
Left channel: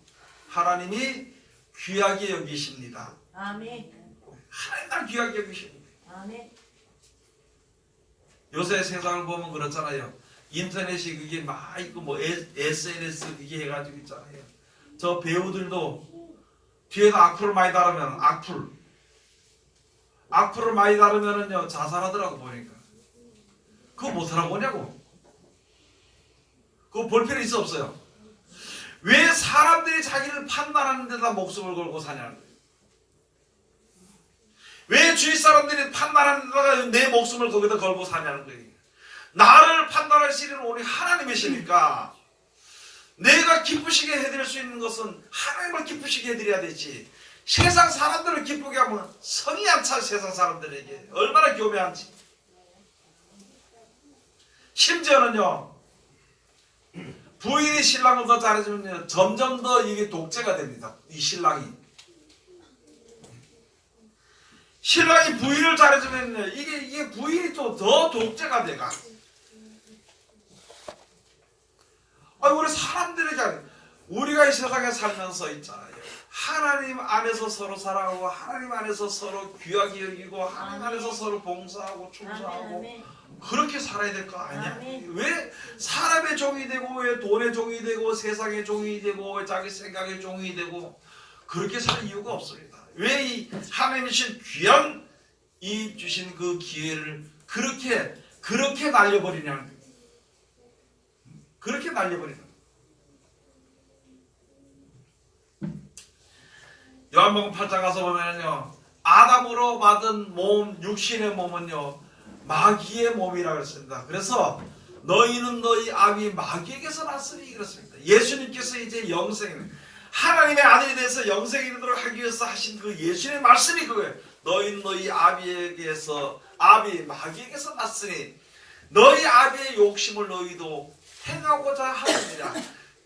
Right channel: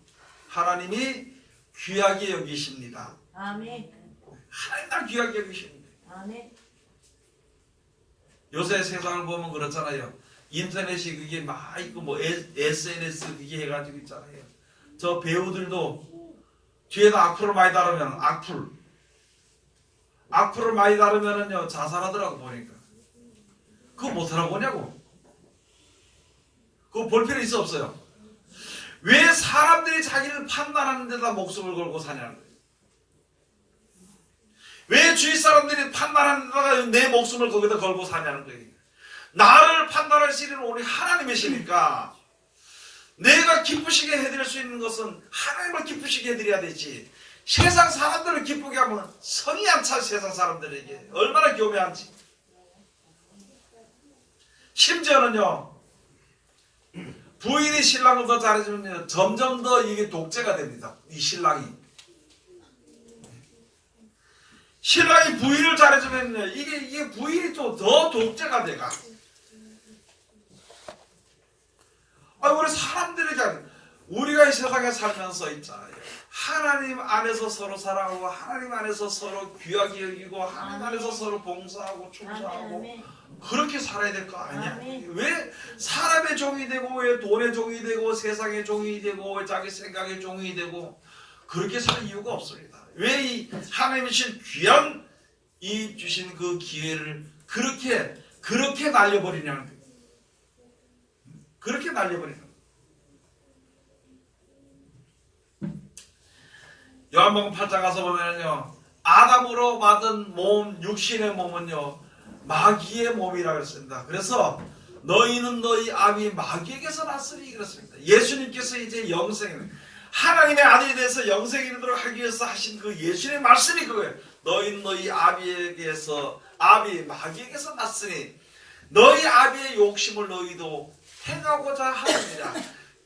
하나님이 귀하게 여기십니다. 아멘. 하나님 날 귀하게 여기십니다. 아멘. 요새 세상을 보면 그렇잖아요. 인터넷이 그게 막 있고 뭐 SNS 그게 해가지고 있잖아요. 저 배우들도 뒤에다 악플을 많이 달으면 악플을 많이 달으면은요 자살하더라고 보니까. 그거 못하라고 보냐고. 그거 볼 필요 있어 없어요? 왜 사람들이 자기를 판단하는 데다 목숨을 걸고 사냐는 거예요. 왜 주위 사람들이 판단하는 데다가 내 목숨을 거기다 걸고 사냐는 거예요. 나를 판단할 시는 우리 하나님이시니까 내가 기쁘시게 해드릴 수 있는 것은 하나님을 기쁘시게 해드려야 되지. 세상 사람들을 기쁘게 하면 성이 안 차. 세상 사람들에게 얼마나 교묘한지. 심지어는요, 부인이 신랑을 더 잘해주면 점점 더 이게 독재가 됩니다. 이 신랑이. 신랑이 부인을 잘해주면 이게 부인이 또 더 독재가 돼가. 우리 사람들에게 우리가 이 세상에 살면서 있잖아요. 하나님 안에서 서로 사랑하고 하나님 안에서 서로 귀하게 여기고 하나님 안에서 서로 봉사하고 충성하고 그렇게 살아야 될 거 아니야. 왜 사람의 종이 되고 왜 돈의 종이 되고 세상의 종이 되고 왜 자기 생각의 종이 되고 그렇게 살 이유가 없습니다. 왜 이 하나님이 주신 귀한 이 주신 그 기회를 그렇게 날려버리냐는 거예요. 그렇게 날려버리는 거예요. 요한복음 8장 가서 보면요, 아담으로 받은 몸, 육신의 몸은요 마귀의 몸이라고 했습니다. 그래서 너희는 너희 아비 마귀에게서 났으니 그렇습니다. 예수님께서 이제 영생, 하나님의 아들이 돼서 영생이 이르도록 하기 위해서 하신 그 예수님의 말씀이 그거예요. 너희는 너희 아비에게서, 아비 마귀에게서 났으니 너희 아비의 욕심을 너희도 행하고자 하느니라.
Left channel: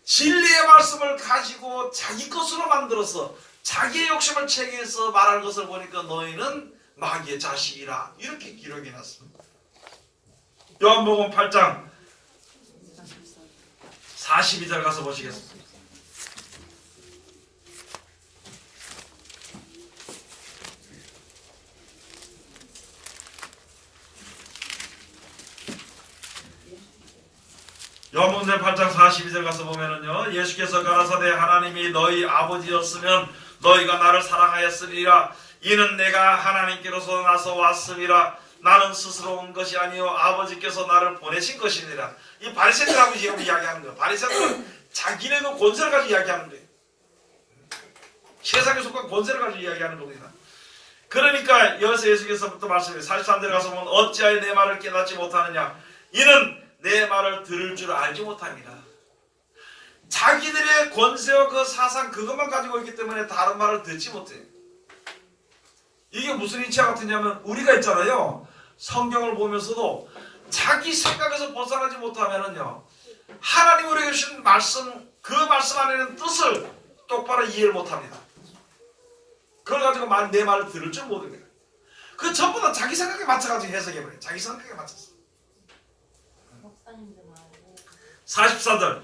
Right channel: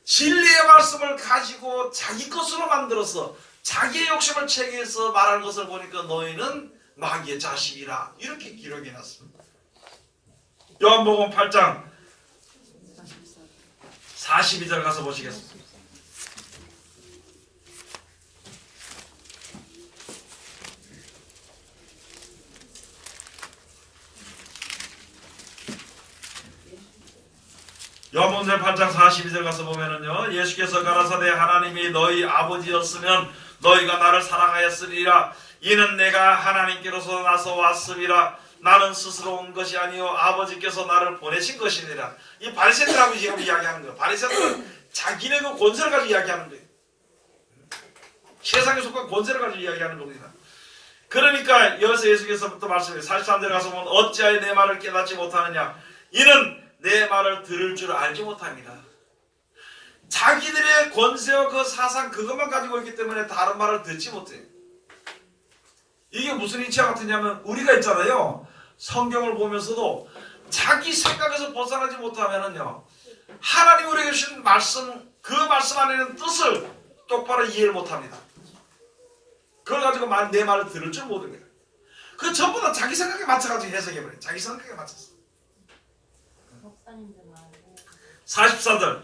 진리의 말씀을 가지고 자기 것으로 만들어서 자기의 욕심을 체계해서 말하는 것을 보니까 너희는 마귀의 자식이라 이렇게 기록이 났습니다. 요한복음 8장 42절 가서 보시겠습니다. 요한복음 8장 42절 가서 보면은요, 예수께서 가라사대 하나님이 너희 아버지였으면 너희가 나를 사랑하였으리라. 이는 내가 하나님께로서 나서 왔음이라. 나는 스스로 온 것이 아니요 아버지께서 나를 보내신 것이니라. 이 바리새인들하고 지금 이야기하는 거예요. 바리새인들은 자기네 그 권세를 가지고 이야기하는 거예요. 세상에 속한 권세를 가지고 이야기하는 겁니다. 그러니까 여기서 예수께서부터 말씀해요. 43절 가서 보면 어찌하여 내 말을 깨닫지 못하느냐. 이는 내 말을 들을 줄 알지 못합니다. 자기들의 권세와 그 사상 그것만 가지고 있기 때문에 다른 말을 듣지 못해요. 이게 무슨 이치와 같으냐면 우리가 있잖아요. 성경을 보면서도 자기 생각에서 벗어나지 못하면은요, 하나님 우리에게 주신 말씀, 그 말씀 안에는 뜻을 똑바로 이해를 못합니다. 그걸 가지고 내 말을 들을 줄 모릅니다. 그 전부 다 자기 생각에 맞춰가지고 해석해버려요. 자기 생각에 맞춰서. 44절.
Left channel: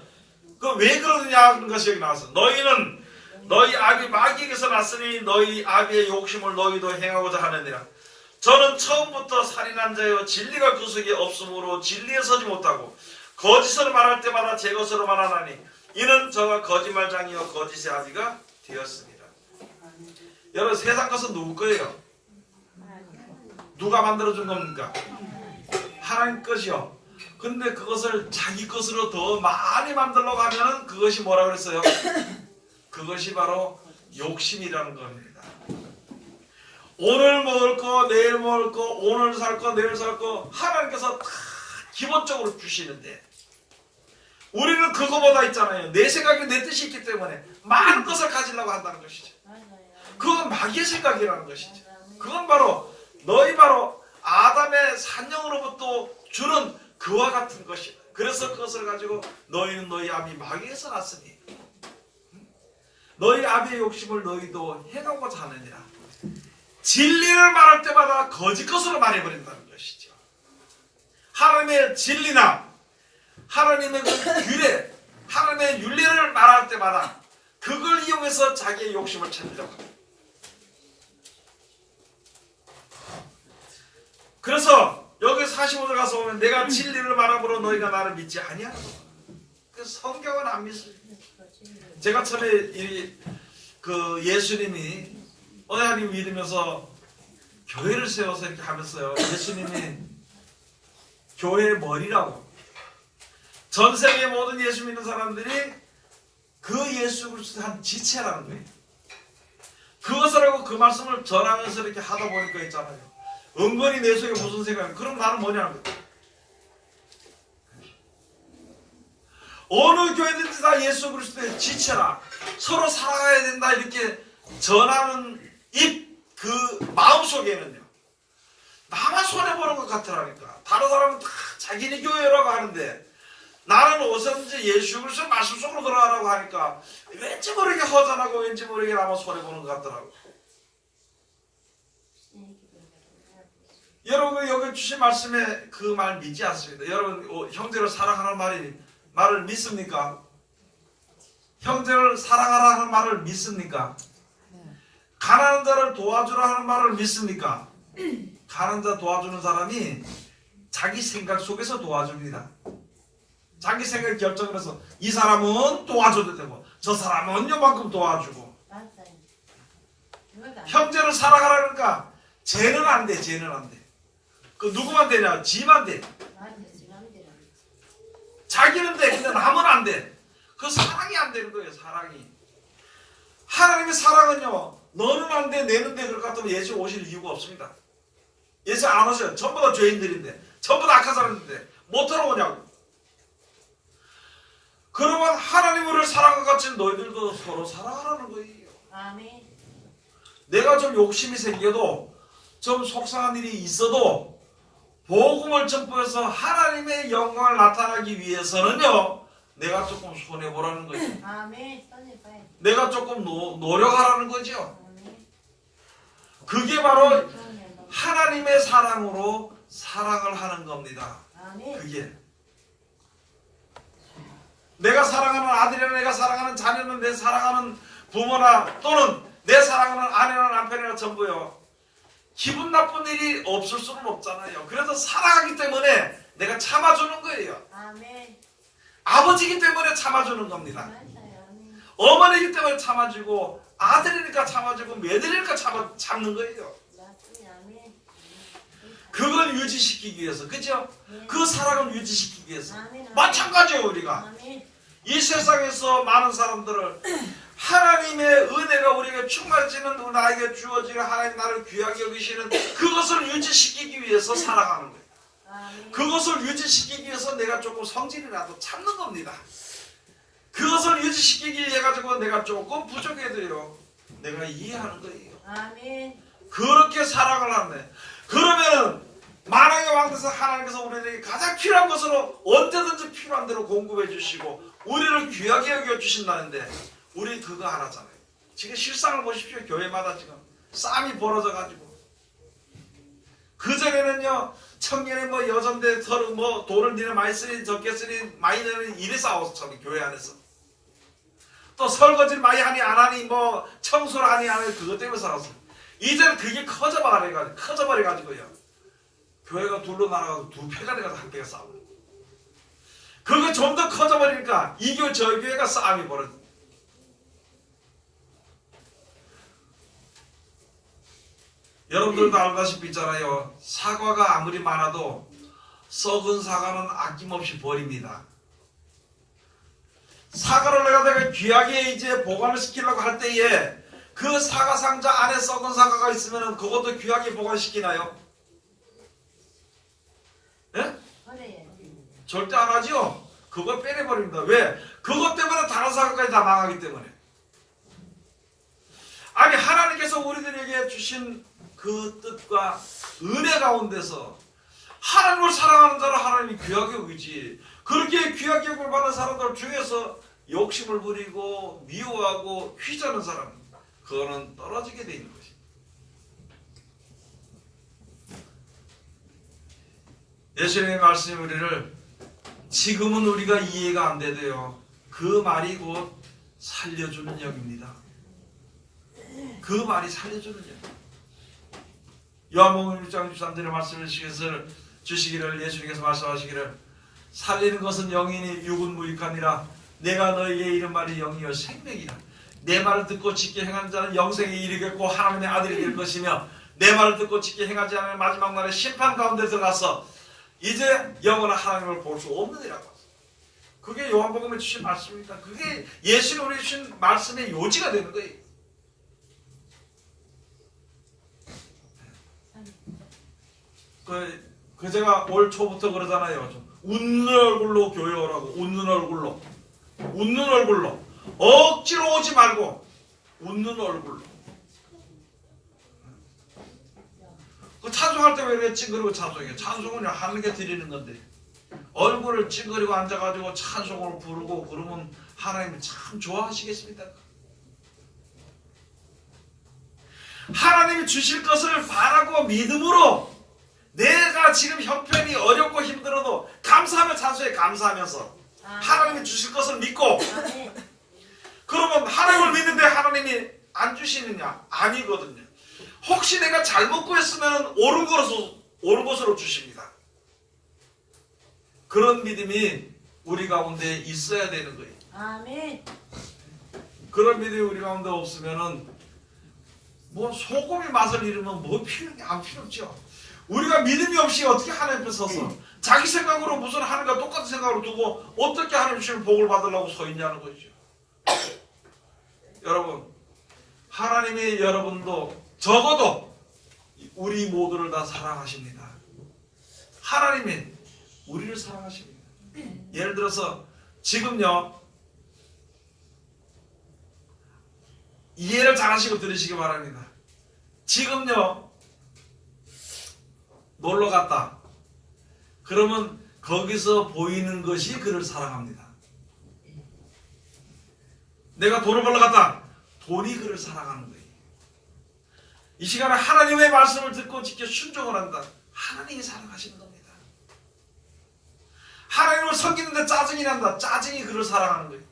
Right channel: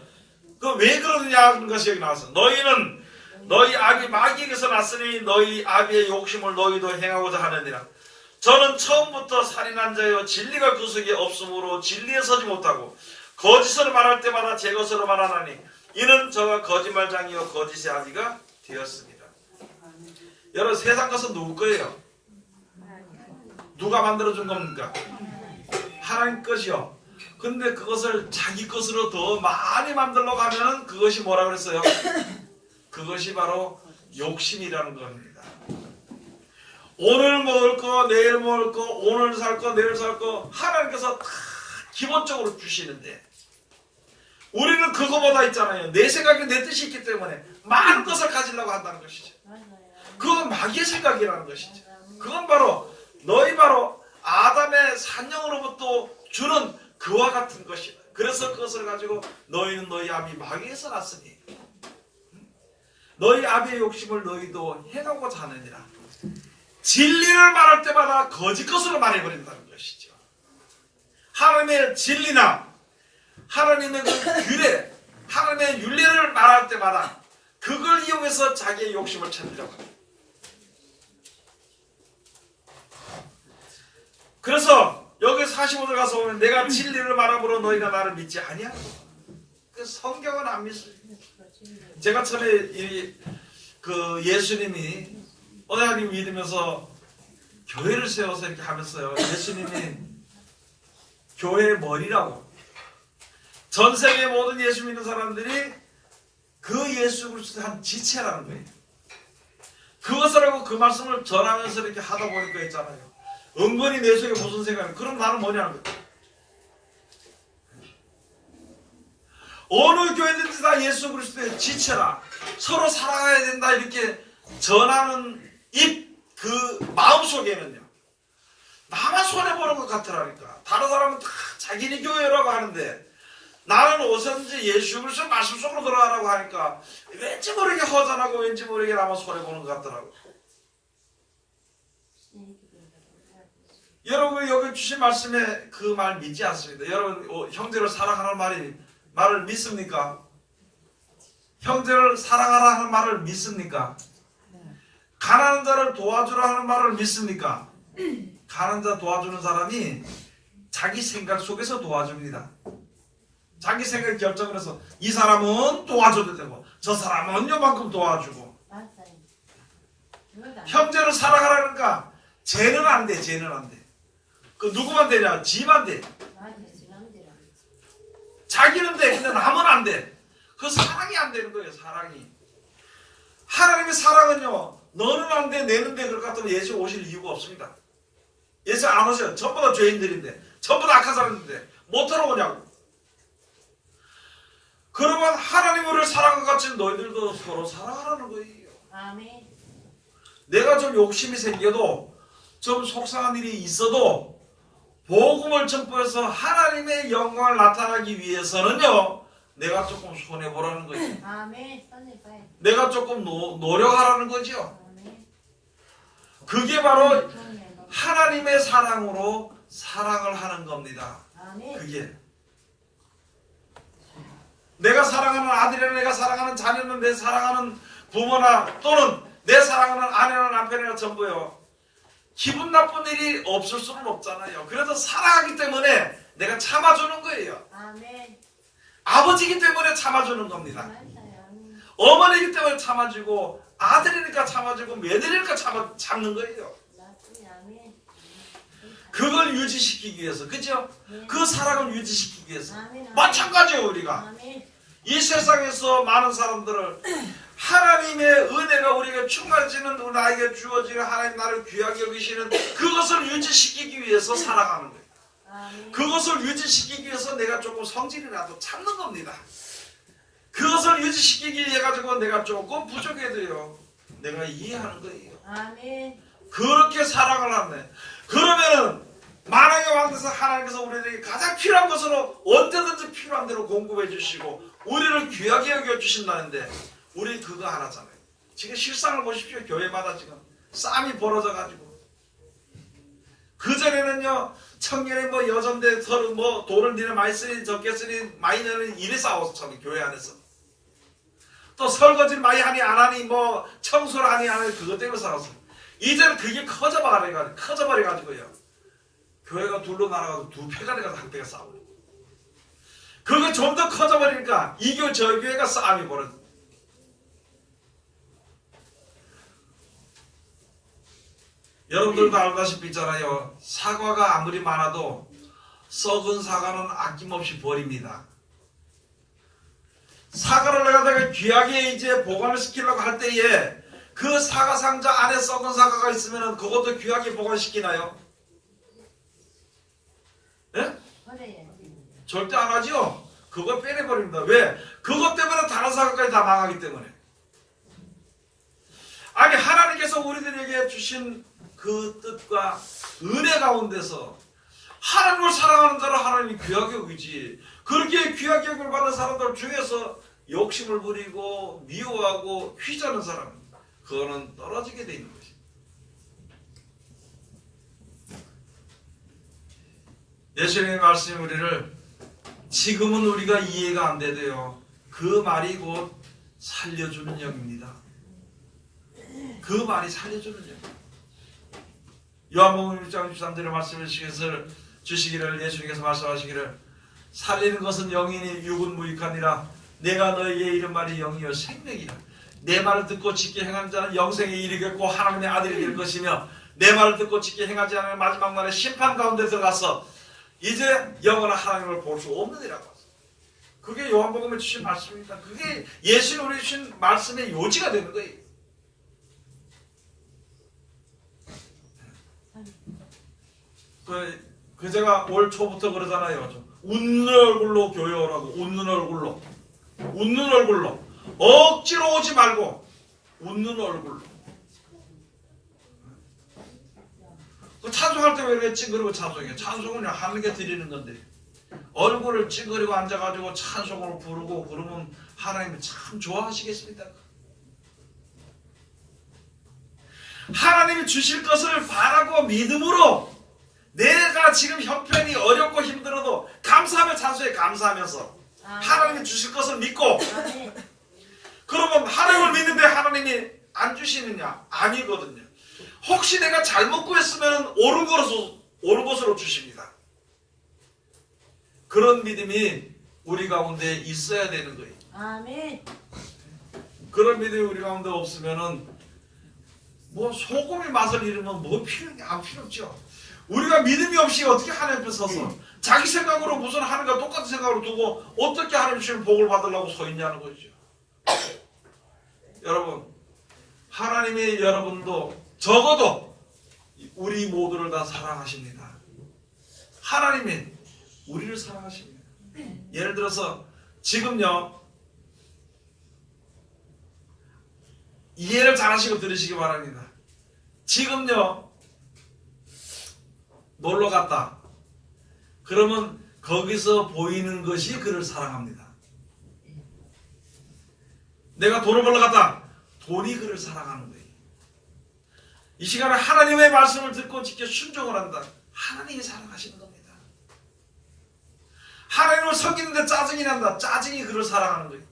그 왜 그러느냐 하는 것이 여기 나와서 너희는 너희 아비 마귀에게서 났으니 너희 아비의 욕심을 너희도 행하고자 하느니라. 저는 처음부터 살인한 자여 진리가 그 속에 없으므로 진리에 서지 못하고 거짓을 말할 때마다 제 것으로 말하나니 이는 저가 거짓말장이요 거짓의 아비가 되었습니다. 여러분, 세상 것은 누구 거예요? 누가 만들어준 겁니까? 하나님 것이요. 근데 그것을 자기 것으로 더 많이 만들려고 하면은 그것이 뭐라 그랬어요? 그것이 바로 욕심이라는 겁니다. 오늘 먹을 거, 내일 먹을 거, 오늘 살 거, 내일 살 거 하나님께서 다 기본적으로 주시는데 우리는 그거보다 있잖아요. 내 생각이 내 뜻이 있기 때문에 많은 것을 가지려고 한다는 것이죠. 그건 마귀의 생각이라는 것이죠. 그건 바로 너희 바로 아담의 산영으로부터 주는 그와 같은 것이다. 그래서 그것을 가지고 너희는 너희 아비 마귀에서 났으니 너희 아비의 욕심을 너희도 행하고자 하느니라. 진리를 말할 때마다 거짓 것으로 말해버린다는 것이죠. 하나님의 진리나 하나님의 그 규례, 하나님의 윤리를 말할 때마다 그걸 이용해서 자기의 욕심을 찾으려고 합니다. 그래서 여기 45절 가서 보면 내가 진리를 말함으로 너희가 나를 믿지 아니하고 그 성경은 안 믿어요. 제가 처음에 그 예수님이 하나님 믿으면서 교회를 세워서 이렇게 하면서요, 예수님이 교회의 머리라고, 전 세계 모든 예수 믿는 사람들이 그 예수 그리스도의 한 지체라는 거예요. 그것을 하고 그 말씀을 전하면서 이렇게 하다 보니까 있잖아요, 은근히 내 속에 무슨 생각이, 그럼 나는 뭐냐는 거예요. 어느 교회든지 다 예수 그리스도의 지체라 서로 사랑해야 된다 이렇게 전하는 그 마음속에는요 나만 손해보는 것 같으라니까. 다른 사람은 다 자기네 교회라고 하는데 나는 어디서든지 예수 그리스도 말씀 속으로 들어가라고 하니까 왠지 모르게 허전하고 왠지 모르게 나만 손해보는 것 같더라고. 여러분 여기 주신 말씀에 그 말 믿지 않습니다. 여러분 형제를 사랑하는 말을 믿습니까? 형제를 사랑하라 하는 말을 믿습니까? 가난한 자를 도와주라 하는 말을 믿습니까? 가난한 자 도와주는 사람이 자기 생각 속에서 도와줍니다. 자기 생각 결정을 해서 이 사람은 도와줘도 되고 저 사람은 요만큼 도와주고. 형제를 사랑하라니까 쟤는 안 돼. 쟤는 안 돼. 그 누구만 되냐? 지만 돼. 자기는 돼. 근데 남은 안 돼. 그 사랑이 안 되는 거예요. 사랑이. 하나님의 사랑은요. 너는 안 돼. 내는 돼. 그럴 것 같으면 예수 오실 이유가 없습니다. 예수 안 오셔요. 전부 다 죄인들인데. 전부 다 악한 사람인데. 못 들어오냐고. 그러면 하나님을 사랑한 것 같이 너희들도 서로 사랑하라는 거예요. 아멘. 내가 좀 욕심이 생겨도 좀 속상한 일이 있어도 복음을 전부해서 하나님의 영광을 나타나기 위해서는요. 내가 조금 손해보라는 거죠. 아멘. 손해봐야. 내가 조금 노력하라는 거죠. 아멘. 그게 바로 하나님의 사랑으로 사랑을 하는 겁니다. 아멘. 그게 내가 사랑하는 아들이나 내가 사랑하는 자녀는 내 사랑하는 부모나 또는 내 사랑하는 아내나 남편이나 전부요. 기분 나쁜 일이 없을 수는 없잖아요. 그래서 사랑하기 때문에 내가 참아주는 거예요. 아멘. 아버지이기 때문에 참아주는 겁니다. 아멘. 어머니이기 때문에 참아주고 아들이니까 참아주고 며느리니까 참는 거예요. 아멘. 그걸 유지시키기 위해서 그죠? 네. 그 사랑을 유지시키기 위해서 아멘. 마찬가지예요. 우리가 아멘. 이 세상에서 많은 사람들을 하나님의 은혜가 우리에게 충만해지는 나에게 주어지는 하나님 나를 귀하게 여기시는 그것을 유지시키기 위해서 살아가는 거예요. 아멘. 그것을 유지시키기 위해서 내가 조금 성질이라도 참는 겁니다. 그것을 유지시키기 위해 가지고 내가 조금 부족해도요. 내가 이해하는 거예요. 아멘. 그렇게 사랑을 하네. 그러면은 만왕의 왕에서 하나님께서 우리에게 가장 필요한 것으로 언제든지 필요한 대로 공급해 주시고 우리를 귀하게 여겨 주신다는데 우리 그거 안 하잖아요. 지금 실상을 보십시오. 교회마다 지금 싸움이 벌어져 가지고 그전에는요 청년의 뭐 여전대 서로 뭐 돈을 니네 많이 쓰니 적게 쓰니 많이 내는 이래 싸웠어. 교회 안에서 또 설거지를 많이 하니 안 하니 뭐 청소를 하니 안 하니 그것 때문에 싸웠어요. 이제는 그게 커져버려가지고요. 교회가 둘로 나눠가지고 두 패가 돼가지고 한 패가 싸우고 그거 좀 더 커져버리니까 이 교회 저 교회가 싸움이 벌어져. 여러분들도 알다시피 있잖아요. 사과가 아무리 많아도 썩은 사과는 아낌없이 버립니다. 사과를 내가 귀하게 이제 보관을 시키려고 할 때에 그 사과 상자 안에 썩은 사과가 있으면 그것도 귀하게 보관시키나요? 예? 그래요. 절대 안 하죠? 그거 빼내버립니다. 왜? 그것 때문에 다른 사과까지 다 망하기 때문에. 아니 하나님께서 우리들에게 주신 그 뜻과 은혜 가운데서 하나님을 사랑하는 자를 하나님이 귀하게 여기지. 그렇게 귀하게 여김을 받는 사람들 중에서 욕심을 부리고 미워하고 휘저는 사람 그거는 떨어지게 돼 있는 것입니다. 예수님의 말씀이 우리를 지금은 우리가 이해가 안 되대요. 그 말이 곧 살려주는 영입니다. 그 말이 살려주는 영. 요한복음 1장 13절의 말씀을 주시기를 예수님께서 말씀하시기를 살리는 것은 영이니 육은 무익하니라. 내가 너에게 이른 말이 영이요 생명이라. 내 말을 듣고 지켜 행한 자는 영생에 이르겠고 하나님의 아들이 될 것이며 내 말을 듣고 지켜 행하지 않으면 마지막 날에 심판 가운데 들어가서 이제 영원한 하나님을 볼 수 없느니라고. 그게 요한복음에 주신 말씀입니다. 그게 예수님이 우리 주신 말씀의 요지가 되는 거예요. 제가 올 초부터 그러잖아요. 웃는 얼굴로 교회 오라고. 웃는 얼굴로. 웃는 얼굴로. 억지로 오지 말고 웃는 얼굴로. 그 찬송할 때 왜 이렇게 찡그리고 찬송해? 찬송은 하나님께 드리는 건데 얼굴을 찡그리고 앉아가지고 찬송을 부르고 그러면 하나님 참 좋아하시겠습니까? 하나님이 주실 것을 바라고 믿음으로 내가 지금 형편이 어렵고 힘들어도 감사하며 찬송해. 감사하면서 하나님이 주실 것을 믿고. 아멘. 그러면 하나님을 믿는데 하나님이 안 주시느냐? 아니거든요. 혹시 내가 잘못 구했으면 옳은 것으로 주십니다. 그런 믿음이 우리 가운데 있어야 되는 거예요. 아멘. 그런 믿음이 우리 가운데 없으면은 뭐 소금이 맛을 잃으면 뭐 필요 없죠. 우리가 믿음이 없이 어떻게 하나님 앞에 서서 자기 생각으로 무슨 하나님과 똑같은 생각으로 두고 어떻게 하나님 주시는 복을 받으려고 서 있냐는 거죠. 여러분, 하나님이 여러분도 적어도 우리 모두를 다 사랑하십니다. 하나님이 우리를 사랑하십니다. 예를 들어서 지금요, 이해를 잘 하시고 들으시기 바랍니다. 지금요, 놀러 갔다. 그러면 거기서 보이는 것이 그를 사랑합니다. 내가 돈을 벌러 갔다. 돈이 그를 사랑하는 거예요. 이 시간에 하나님의 말씀을 듣고 지켜 순종을 한다. 하나님이 사랑하시는 겁니다. 하나님을 섬기는데 짜증이 난다. 짜증이 그를 사랑하는 거예요.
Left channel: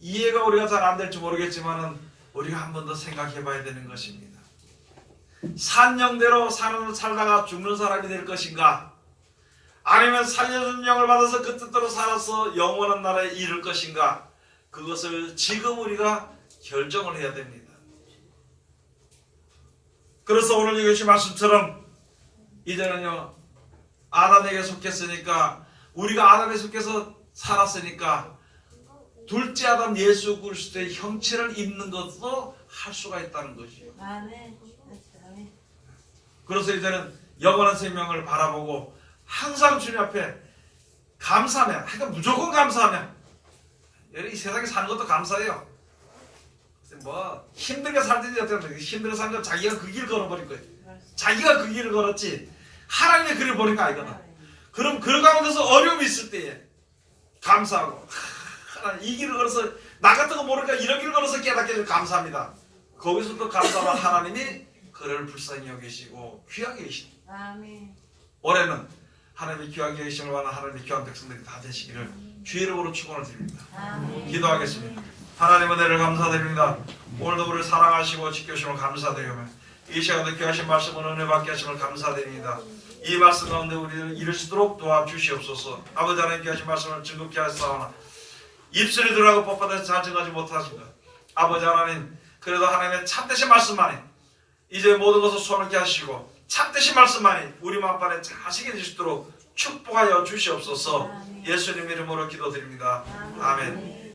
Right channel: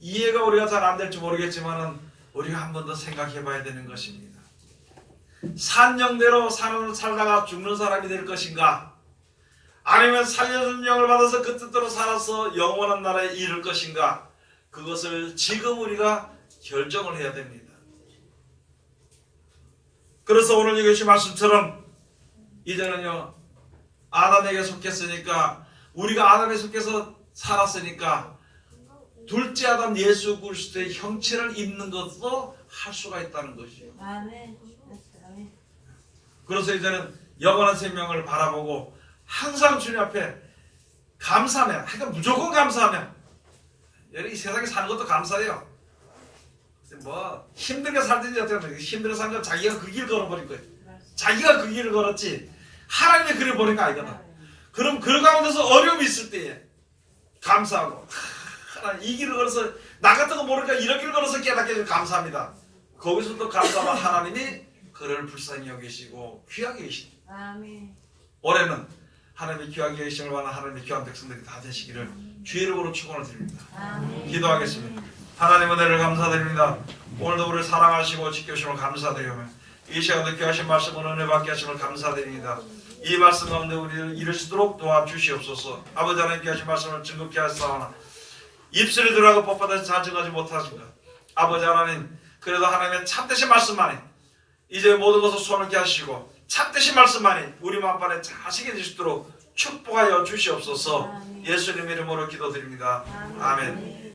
이해가 우리가 잘 안 될지 모르겠지만 우리가 한 번 더 생각해 봐야 되는 것입니다. 산영대로 살다가 죽는 사람이 될 것인가? 아니면 살려준 영을 받아서 그 뜻대로 살아서 영원한 나라에 이를 것인가? 그것을 지금 우리가 결정을 해야 됩니다. 그래서 오늘 이것이 말씀처럼 이제는요, 아담에게 속했으니까, 우리가 아담에 속해서 살았으니까 둘째 아담 예수 그리스도의 형체를 입는 것도 할 수가 있다는 것이요. 아멘. 아멘. 그래서 이제는 영원한 생명을 바라보고 항상 주님 앞에 감사하며, 그러니까 무조건 감사하며, 이 세상에 사는 것도 감사해요. 뭐 힘들게 살든지 어쨌든 힘들게 사는 건 자기가 그 길을 걸어버린 거예요. 자기가 그 길을 걸었지 하나님이 그를 버린 거 아니거든. 그럼 그 가운데서 어려움이 있을 때에 감사하고, 이 길을 걸어서 나 같은 거 모르니까 이런 길을 걸어서 깨닫게 해서 감사합니다. 거기서 또 감사하면 하나님이 그를 불쌍히 여기시고 귀하게 여기십니다. 아멘. 올해는 하나님의 귀하게 여기심을 원하는 하나님의 귀한 백성들이 다 되시기를 주의 이름으로 축원을 드립니다. 아멘. 기도하겠습니다. 하나님 은혜를 감사드립니다. 오늘도 우리를 사랑하시고 지켜주시면 감사드리며 이 시간에 귀하신 말씀을 은혜 받게 하심을 감사드립니다. 이 말씀 가운데 우리를 이룰 수 있도록 도와주시옵소서. 아버지 하나님 귀하신 말씀을 즐겁게 하시사오나 입술이 들어가고 뻣뻣해서 자증하지 못하십니다. 아버지 하나님, 그래도 하나님의 참되신 말씀만이 이제 모든 것을 소원케 하시고 참되신 말씀만이 우리 마음판에 자식이 될 수 있도록 축복하여 주시옵소서. 예수님 이름으로 기도드립니다. 아멘.